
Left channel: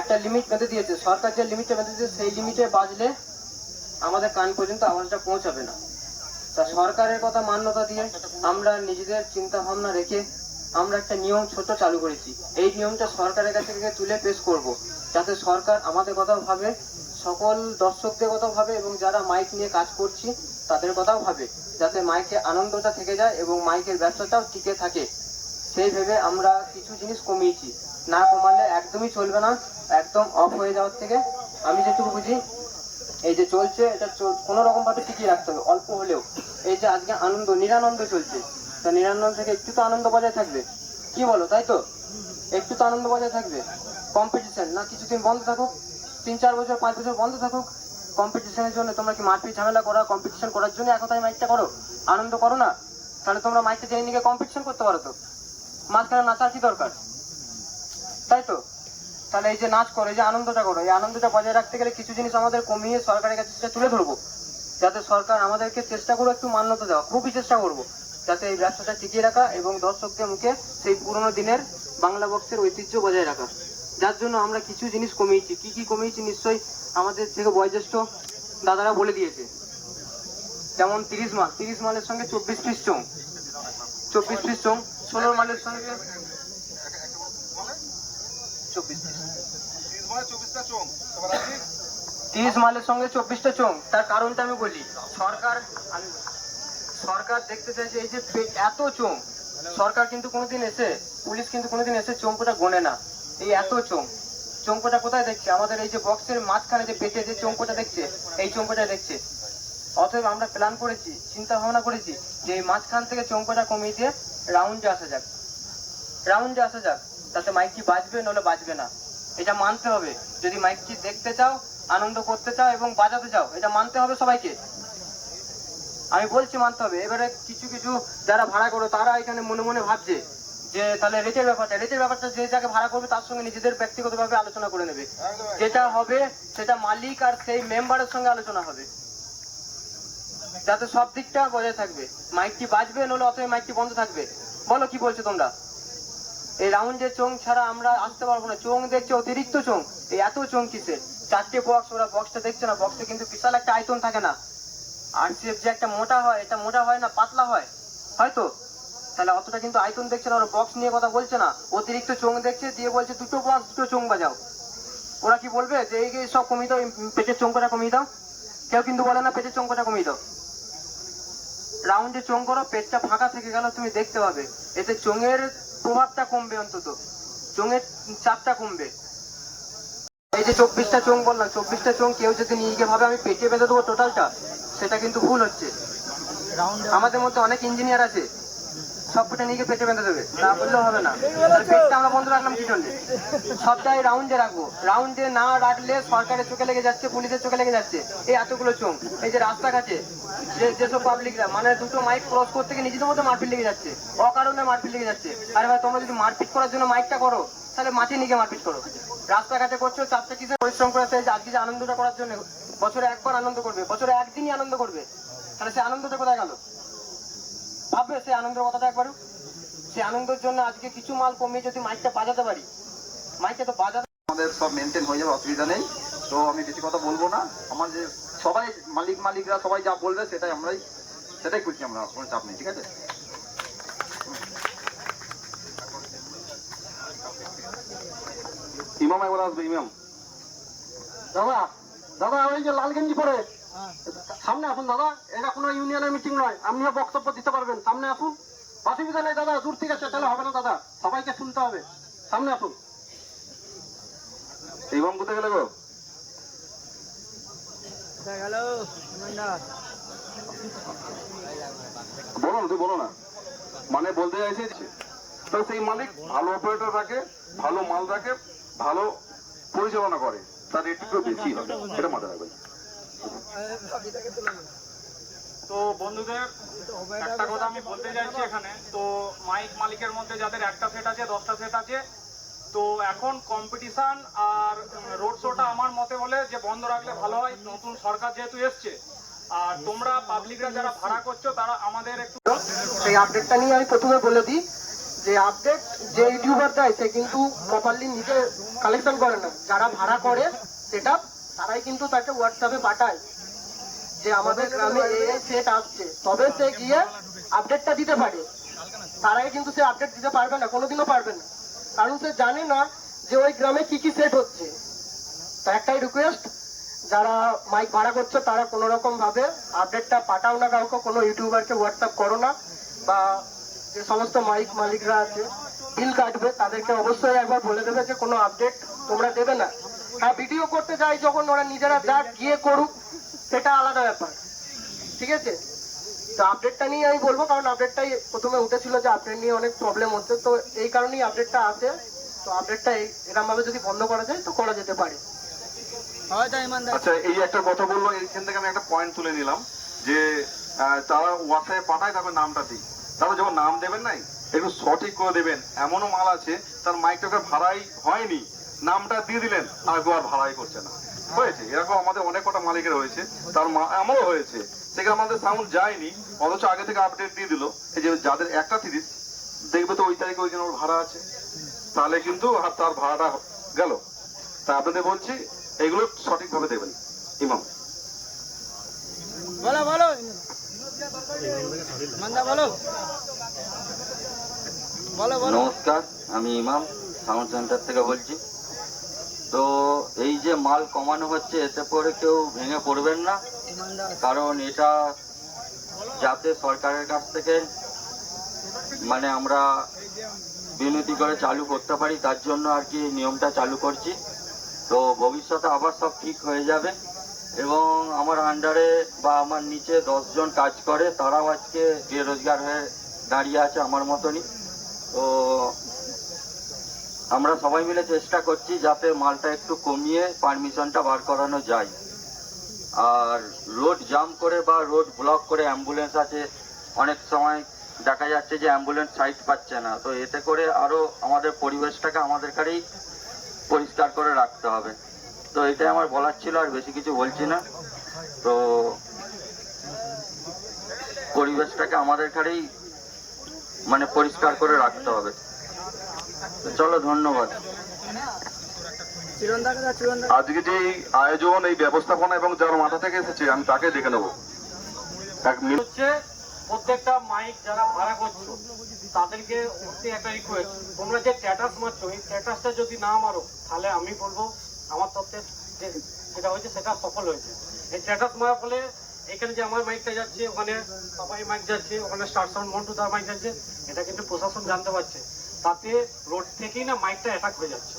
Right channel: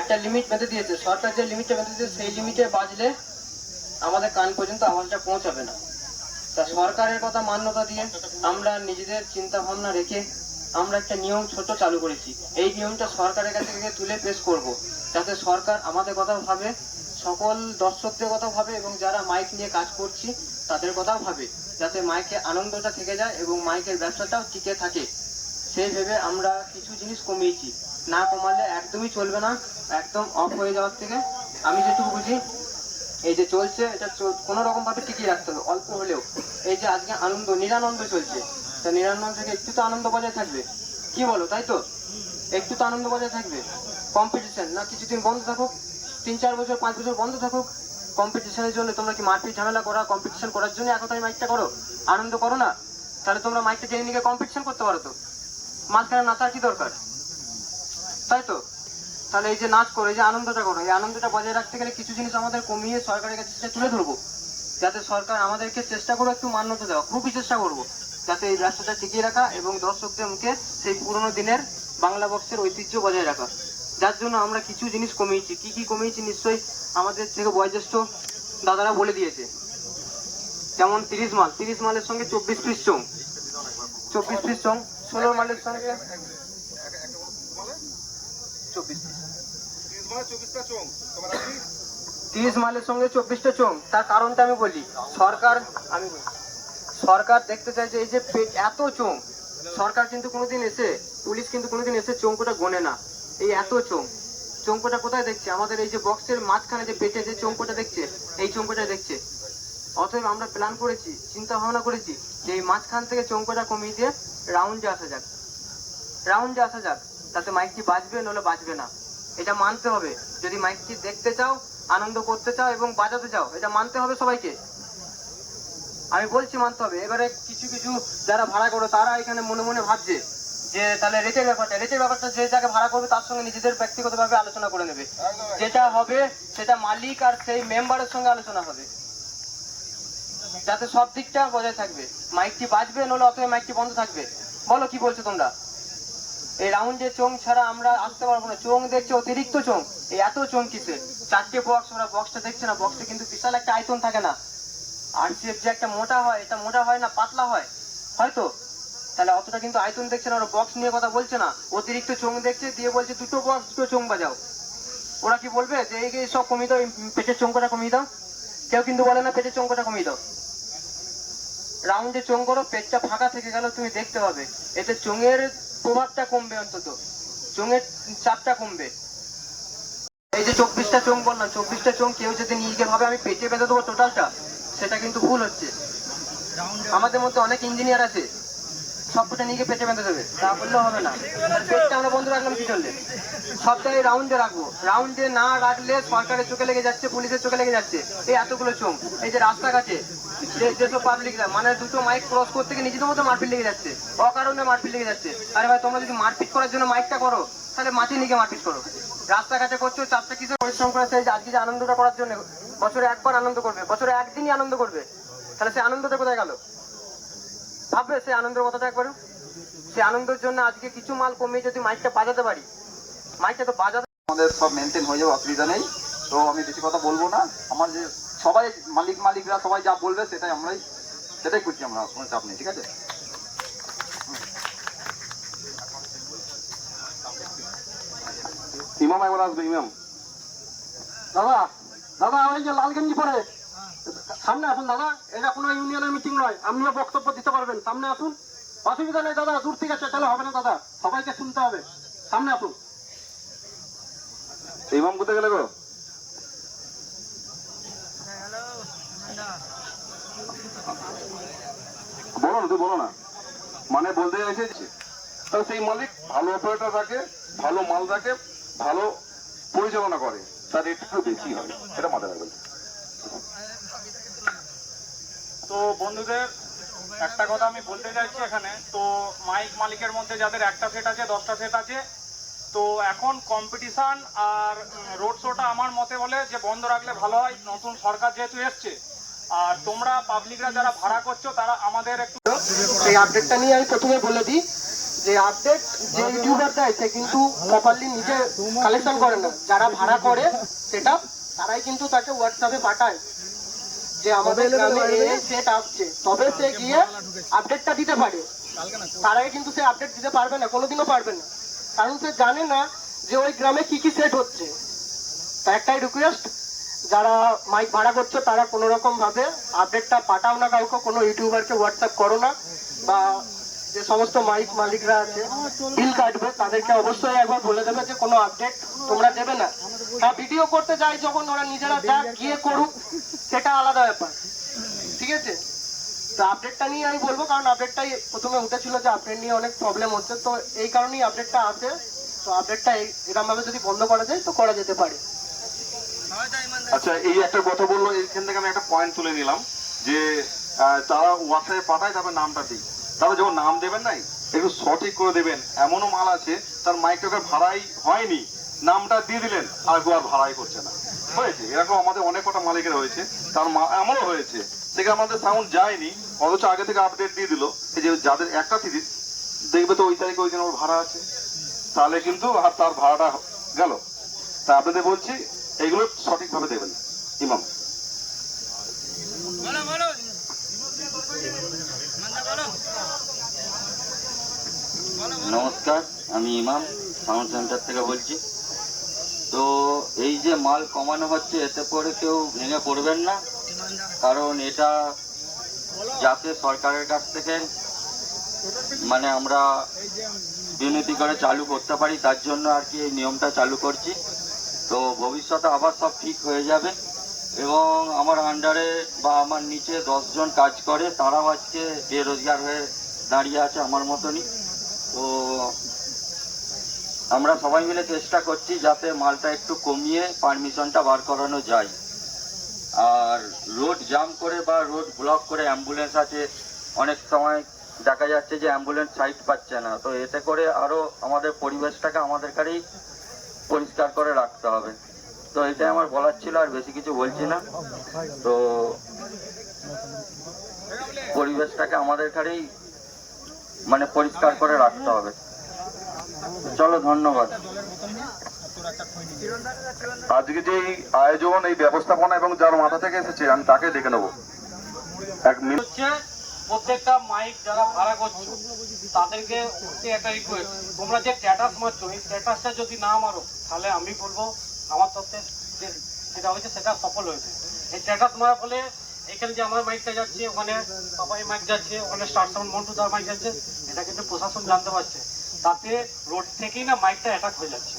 একটা লিমিট বেঁধে দিয়েছে সরকার, যে লিমিটটা বেঁধে দিয়েছে সেই লিমিটে বাজলে আমাদের কান পর্যন্ত আওয়াজটা পৌঁছাবে না। তা সরকারের কথা মান্যতা দিয়ে আমরা নিজেদের চিন্তা ভাবনা রেখে আমরা একটা নিয়ম ছোট চালু করেছি। এই নিয়মটা সরকারের কাছে থেকে তুলে পেশ করব, যাতে সরকার আমাদের কথাও ভাবে, সকল দর্শকদের কথাও ভাবে, এবং যারা মাইক নিয়ে কাজ করছি তাদের কথাও ভাবে, যাতে মাইকে আনন্দটা থেকে যায় এবং মাইকের ব্যবসাটাও টিকে থাকে। সেই ভেবে আমরা কিছু জিনিস কমিয়েছি, না কমালে একদমই চলবে না, একদম অফ হয়ে যাওয়ার থেকে। আমি যেটুকু বুঝি, এই যে চলছে এটা কোনো রকম ভাবে টিকিয়ে রাখতে হবে, অল্প হলেও। এই যে আজকে আনন্দ নিরানন্দ চলছে, তা নিরানন্দ থেকে একটু তো আনন্দ বজায় থাকবে, কি বলো? তাই তো, একটু তো আনন্দ বজায় থাকবে। কম্পিটিশন না কিছুদিন বন্ধ থাকুক, 3-4 বছর 5 বছর বন্ধ থাকুক। কম্পিটিশনের জন্য তোমরা কি মারপিট ঝামেলা করা, কম্পিটিশন করার জন্য এক কথায় মাইকটা করো? আনন্দ করো না? তাহলে তোমরা মাইকটা জেনে নিয়ে কম্পিটিশন করতে পারো তো, মাঝখানে নাচার কি দরকার? তাই তো, তাহলে এই যে নাচ করো, এই যে আনন্দটা করো, এই আনন্দটা বজায় রাখতে গেলে কিছু জিনিস আমাদের কমিয়ে সরকারের কাছে সেটা তুলে ধরবো, যাতে সরকার আমাদেরকে চেষ্টা করবো একটু মান্যতা দেওয়া, খুবই চেষ্টা করবো, যাতে এই ব্যবসাটা টিকিয়ে রাখা এবং দর্শকদের মুখে সেই পুরোনো দিনের বাংলা বক্সের ঐতিহ্য বজায় রাখা। যার জন্য আমরা কিছু জিনিস কমিয়েছি। কি কি কমিয়েছি নিশ্চয়ই আমাদের থেকে বয়োজ্যেষ্ঠ দাদারা বলে দিয়েছে। যেমন 30 মালের সঙ্গে 24 পিস চোং, 24 পিস চোং, 16 মালের সঙ্গে 24 পিস, 30 মালের সঙ্গে 24টা চোং। তার কারণটা আমি বলি, সরকার দেখতে চাইছে এই যে এত চোং, সরকার কিন্তু কোনোদিন এসে, পুলিশ কিন্তু কোনোদিন এসে চোংকোটা গোনে না। এই এত চোংকোটা কোথায় দেখছে? আমাদের এই যে বক্সের মাঝখানে যে পেটে যে চোংকোটা দেখছে, এই চোংকোটা দেখছে। অতএব আমরা প্ল্যান করেছি, চিন্তা ভাবনা করেছি যে এই মাঝখান থেকে চোংকোটা কমিয়ে দিয়ে রাউন্ডে আসা যাক, তাতে মাইকটি বাজবে নলে বাজবে না, এটা মানতে হবে। যদি মাইকটি দেখতে চাও, আনন্দ করতে চাও এবং বাজাতে চাও, এটা মানতে হবে সবাইকে। আমি বলছি মানতে হবে। এবারে কিছু যারা ভাড়া করো তারা এখানে মনে মনে ভাবছে যে তাহলে রেটের ব্যাপারটা যে যাকে ভাড়া করবে তার সঙ্গে নিজেদের ব্যক্তিগতভাবে আলোচনা করে নেবে। যেটা হবে সেটা মালিক আর সেই মেম্বারের সঙ্গে আলোচনা হবে, যাতে সব দিকটা বজায় থাকবে। মাইকটি বাজবে নলে অথবা মাইকটি বন্ধ থাকবে। বলো কি বলছো তোমরা? এই রাউন্ডে চোং ছাড়া আমরা আসতে পারবো না। চোং দেখছে অতিরিক্ত চোং, এই এত চোং কিসে? 4টে বক্স, ওরা বক্সটা দেখছে না, বক্সে কিন্তু বিশাল একটা আয়তন থাকে না। আরসিএফ যে একটা মোটা হয়, এটা মোটা হয় না, পাতলা হয় হয়তো, তাহলে অতটা কিন্তু আয়তন দেখছে না। ওরা বক্স নিয়ে কথা বলছে না, অতিরিক্ত চোং দেখছে, দিয়ে বলছে 2টো বক্স 2টো চোং বাজাও। ওরা কি বলবে যে এই সব কমিয়ে দাও, পেটের চোংকটা কমিয়ে দাও? কেউ কিন্তু বলে না পেটের চোংকটা কমিয়ে দাও। রাউন্ডে চোং করো, পেটটা ফাঁকা থেকে গেল, তুমি দেখতে পাবে এতে চোঙের প্রভাবটা কমবে, অন্তত চোঙের চাপটা কমবে। এই যে 24টা চোং বললাম, 24টা চোং কেউ যদি নিজে ভাবে আমি পেটে বেঁধে দেবো টোটালটা, সেটা কিন্তু ভুল হচ্ছে। আমাদের মধ্যে অনেক ইঞ্জিনিয়ার আছে, সবকটা নিজে পেটে বেঁধে দেবে, তা বললেও হবে না। পেটটা আমরা বন্ধ রাখলাম কি জন্য? সবটাই রাউন্ডে রাখবো। রাউন্ডে না রাখলে সরকারের চোখে লেগে যাচ্ছে, পুলিশের চোখে লেগে যাচ্ছে। এই এতগুলো চোং, এই যে রাস্তাঘাটে যেসব পাবলিকরা মানে 2টো মাইক ক্রস করতে গিয়ে নিজেদের মধ্যে মারপিট লেগে যাচ্ছে, অকারণে মারপিট লেগে যাচ্ছে। আরে ভাই, তোমরা যদি মারপিট করার জন্য মাইকটা করো, তাহলে মাটি নিয়ে মারপিট করো। রাস্তাঘাটে করছো, চাপটা কিসে পরিশ্রম করে আজকে যে আনন্দটা করার জন্য বছরে একবার আনন্দ করবে, বছরে একদিনই আনন্দ করবে, তাহলে সে আনন্দটা কোথায় গেল? ভাববে সে আনন্দের কথাটা একবার? সে আনন্দের জন্য আজকে কিছু মাল কমিয়ে যদি মাইকটা বাজাতে পারি, মাইকটা তো বাজাতে আমাদের সব মেনটেন হয়ে যাবে, অসুবিধা নেই। তো আমি বেশি কথা বলবো না। আমার যে সবাই মালিকরা সবাই যা বলবে সেটাই করছি আমরা, কোনো চাপ নেই, ঠিক আছে? ইমাম এবার আসবে, ইমাম। দাদা ওই যে লাল গেঞ্জি পরে সামনে আসুন দাদা, এটা কোনো ইউনিয়নের মিটিং নয়, আপনিও বক্তব্য দিতে পারবেন, সামনে আসুন। অসুবিধা নেই দাদা, দূর থেকে চেঁচালে হবে না দাদা, সবাইকে শুনতে হবে, সামনে আসুন। ইমাম কোথায় গেলে গো? বলো না, মানে বলতে চাইছে তাহলে সেই মালিক ভালো অপারেটর রাখে, ভালো মাল রাখে, ভালো পরিচালনা করে, তার রেট একটু বেশি হবে, এটা মাথায় রাখবেন। তো বন্ধুদের একটা কথা আমি বলতে চাইছি এখানে, তো মাইক মালিকের মধ্যে যাদের একটা সেট আছে, 10টা সেট আছে, তো এখন কম্পিটিশন আর রোড শোটা আমার মতে বলে যে বন্ধ রাখলে ভালো হয়, নতুন সরকার যেহেতু এসছে। আর তোমরা পাবলিকরা যারা ভাড়া করছো তারা আমাদের একটু এই আপডেটটা নিয়ে আমি প্রথমে বলে দিই যে আপডেট যে ইউটিউবার দেয় সে কিন্তু প্রপারলি নিজে কালেকশন করে না, যারা ভাড়া করে সেটা তারাই কিন্তু তাকে হোয়াটসঅ্যাপে পাঠায় যে আমাদের গ্রামে এই সেট আসছে, তবে সে গিয়ে আপডেটটা দিতে পারে। তারাই কিন্তু সে আপডেট দিতে পারবে না, কোনোদিনও পারবে না, কারণ সে জানে না যে ওই গ্রামে কি কি সেট হচ্ছে। তা একটাই রিকোয়েস্ট, যারা মাইক ভাড়া করছো তারা কোনো রকম ভাবে আপডেটটা পাঠাও না কাউকে, কোনো ইউটিউবারকে হোয়াটসঅ্যাপ করো না, বা যে সমস্ত মাইক মালিকরা আছে বিল কাটবে তাদেরকে অবশ্যই একবার বলে দেবে যে কোনো আপডেট তোমরা দেবে না। হ্যাঁ, ভিডিও করতে যায় যখন ওরা নিজেরা যা গিয়ে করুক, সেটা আলাদা ব্যাপার, ঠিক আছে? তো আপডেটটা নিয়ে আমি বলবো, কারণ আপডেটটাই প্রথমে উঠেছিল যে আপডেট নিয়ে অনেক প্রবলেম হচ্ছে, তো এই কারণেই আপডেটটা আসে। তো আপডেটটা এরকম ভাবে যদি বন্ধ করা যায় তো করা যেতে পারে। আচ্ছা, এই একটা কথা বললো, এইখান থেকে আমি একটা পয়েন্ট তুলে নিলাম যে তারা হোয়াটসঅ্যাপে পাঠায়, তারপর নামটা দিই, তারপর যখন নাম দেবেন নাই একটু সঠিক করে দেবেন। এমনও মাল আছে তার মাইকটাকে ভাড়াই হয়নি, নামটা দিয়ে দিলেন আর আর ভাড়াই করছে না, হয়েছে এরকম আমাদের অনেক কটা মালিকের হয়েছে, তার আমারও হয়েছে, সেখানে আমাদের সাউন্ড যায়নি, অথচ আগে থেকে আপডেট দিয়ে দিল এই যে যাদের একটা সিরিজ দেখবে তো ওই তারিখে ওইখানে ওর ভাড়া আছে, তাহলে কিন্তু আর তার ভাড়াটা গেল। তা আপনাদের বলছি এগুলো সঠিকভাবে দেবেন। ইমাম নমস্কার, আমি ইমাম সাউন্ড সেন্টার থেকে বলছি। তো এই যে মাল কমানো হচ্ছে, এতে করে কেউ ভেঙে পড়বেন না, কারণ এটা যাতে সরকারের কাছ থেকে মানে আমরা বিনতি করে চালু করতে পারি, তার জন্য আর কি এই নিয়মটা চালু করছি। তো ভবিষ্যতে আবার সব ঠিক হয়ে যাবে। এবং আমার আন্ডারে বা আমার নিচে 10 জন কাজ করে, তারাও আজকে বেরোজগার হয়ে দাঁড়িয়ে আছে আমার মতনই। তো আমরা সবাই মিলে চেষ্টা করছি যাতে মালটা একটু কমিয়ে পারমিশনটা বার করানো যায়। আর রোড জাম করে বা রোড ব্লক করে অ্যাম্বুলেন্স আছে, অনেক সময় দেখা যাচ্ছে যে অ্যাম্বুলেন্স সাইড পাচ্ছে না। তো এতে করে আরও আমাদের পরিবেশটাকে আমাদের কাছেই পরিষ্কার করে রাখতে হবে। তো এটাই আমার বলার ছিল, আর বেশি কিছু বলছি না। তো পরিবেশটাকে আমাদের কাছেই মানে পরিষ্কার করে রাখতে হবে। তো চলো, ধন্যবাদ। আজকে যে এই আয়োজন, এই ব্যবস্থাপনা এবং যার মাথা থেকে এসেছে, আমি তাকে দেখে নেবো। এক মিনিট। হচ্ছে প্রত্যেকটা মাইক যারা ভাড়া করছো তাদেরকে একটা রিকোয়েস্ট, তোমরা যে স্ট্যাটাস মারছো এই স্ট্যাটাসটা যদি না মারো তাহলে আমি বলবো আমার তথ্যে যেটা হয়েছে সেটা সফল হয়েছে। এই স্ট্যাটাস মারার ফলে এখানে যে আমার মাইকটা যাচ্ছে, ওখানে পাপাই মাইক যাচ্ছে, ওখানে স্টার সাউন্ড মন্টুদার মাইক যাচ্ছে, এটা কিন্তু প্রশাসন জানতে পারছে। তাতে রোড থেকেই না মাইকটা অ্যাটাক হয়ে যাচ্ছে।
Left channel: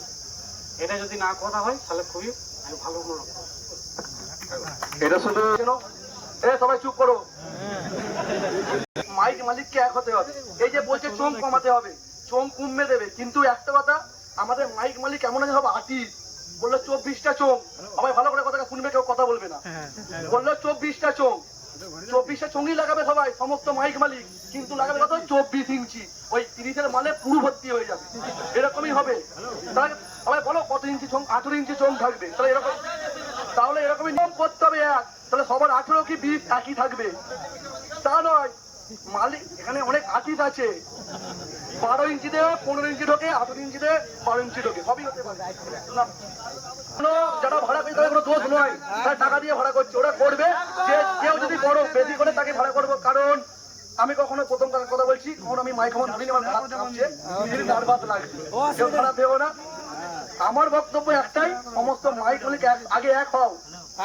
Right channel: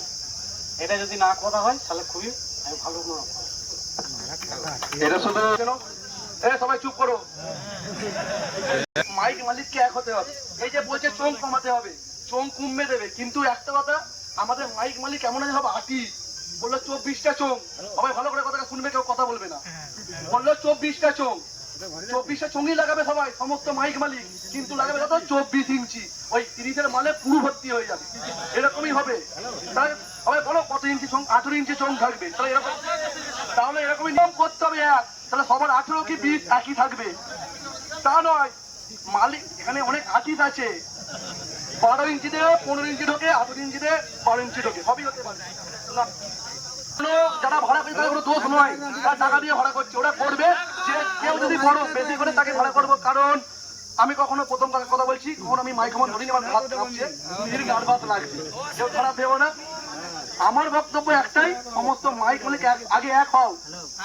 এটা যদি না করা হয় তাহলে খুবই আমি ভালো মনে করি। এটা শুধু সবাই চুপ করো। মাইক মালিককে এক হতে হবে। এই যে বলছে চোং কমাতে হবে, চোং কমবে দেবে, কিন্তু একটা কথা, আমাদের মাইক মালিক এমন আছে হবে আর্টিস্ট। বললো 24টা চোং, সবাই ভালো করে কথাটা শুনবে, কেউ কথা বলবে না। বললো 24টা চোং, 24টা চোঙই লাগাবে সবাই, সমস্ত মাইক মালিক, কিন্তু লাগাবে কত? 24 ইঞ্চি। ওই 30-এর মালে পুরো ভর্তি হয়ে যাবে, এরকমই হবে। তাহলে সবাই বলো কত ইঞ্চি চোং? 18 ইঞ্চি চোং থাকবে। তাহলে এরকমই নিয়ম করতে হবে এক, তাহলে সবার 18 কি 20 একই থাকবে। তা নয়, মালিক এখানে অনেক আর্টিস্ট আছে, 12 ইঞ্চিতে 15 ইঞ্চি ঢোকে, 18 ইঞ্চিতে 12 ইঞ্চি ঢোকে, সবই হতে পারে না। যারা ভাড়া করে তাদের কোনো দোষ নয়, তারা টাকা দিয়ে ভাড়া করছে, ওরা করবে। যে কেউ যদি বড় বেশি করে তাকে ভাড়া করবো। কারণ আমি কখনো প্রথম কথা বলছি, কখনো আমি মাইক আমার ধরিনি, আমার হাত কাঁপছে, নিজের নার্ভাস লাগছে, কেউ খারাপ দেবো না। আমার বক্তব্য একটাই, সমস্ত মাইক মালিক আগে এক হও,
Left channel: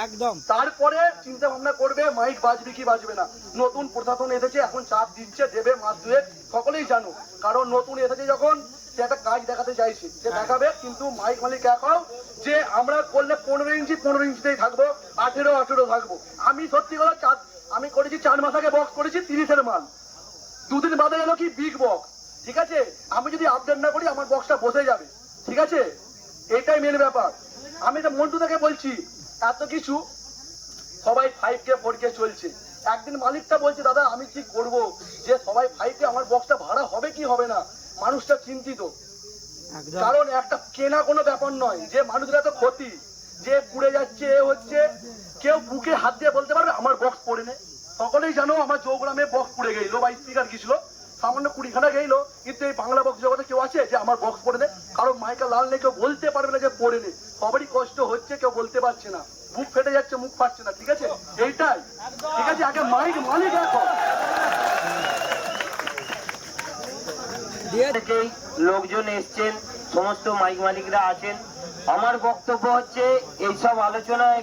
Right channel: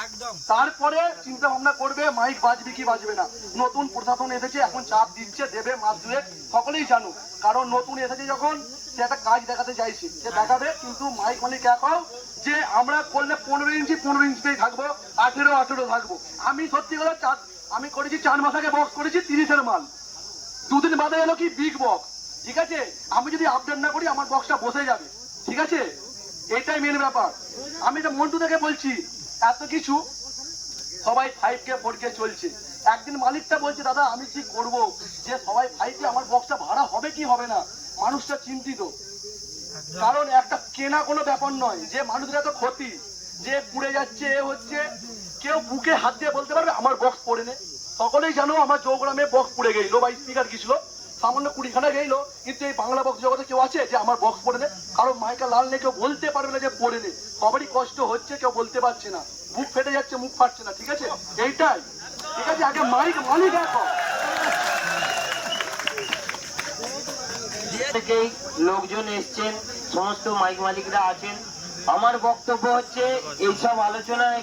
একদম, তারপরে চিন্তা ভাবনা করবে মাইক বাজবে কি বাজবে না। নতুন প্রশাসন এসেছে, এখন চাপ দিচ্ছে, দেবে মাস দুয়েক, সকলেই জানো। কারণ নতুন এসেছে যখন, সে একটা কাজ দেখাতে চাইছে, সে দেখাবে। কিন্তু মাইক মালিক এক হও, যে আমরা করলে 15 ইঞ্চি 15 ইঞ্চিতেই থাকবো, 18 থাকবো। আমি সত্যি কথা, আমি করেছি 4 মাস আগে বক্স করেছি 30-এর মাল, 2 দিন বাদে এলো কি বিগ বক্স। ঠিক আছে, আমি যদি আপডেট না করি আমার বক্সটা বসে যাবে। ঠিক আছে, এটাই মেন ব্যাপার। আমি তো মন্টু থেকে বলছি, এত কিছু সবাই 5K 4K চলছে। একদিন মালিকটা বলছে, দাদা আমি কি করব, যে সবাই 5K, আমার বক্সটা ভাড়া হবে কি হবে না। মানুষটা চিন্তিত, কারণ একটা কেনা কোনো ব্যাপার নয়, যে মানুষের এত ক্ষতি, যে পুড়ে যাচ্ছে, এ হচ্ছে, কেউ বুকে হাত দিয়ে বলতে পারবে আমার বক্স পড়ে নে? সকলেই জানো আমার চৌগ্রামে বক্স পুড়ে গেল বা স্পিকার গেছিল, সামান্য 20খানা গেল, কিন্তু এই বাংলা বক্স জগতে কেউ আছে যে আমার বক্স পড়ে নে? কারো মাইকা লাল নেই, কেউ বলতে পারবে না যে পড়ে নে। সবারই কষ্ট হচ্ছে, কেউ বলতে পারছে না, বুক ফেটে যাচ্ছে, মুখ ফাটছে না। ঠিক আছে, এইটাই ঠিক আছে। আগে মাইক মালিক এখন থেকেই লোকজন এসছেন, সমস্ত মাইক মালিকরা আছেন। আমার বক্তব্য হচ্ছে এইসব আলোচনায়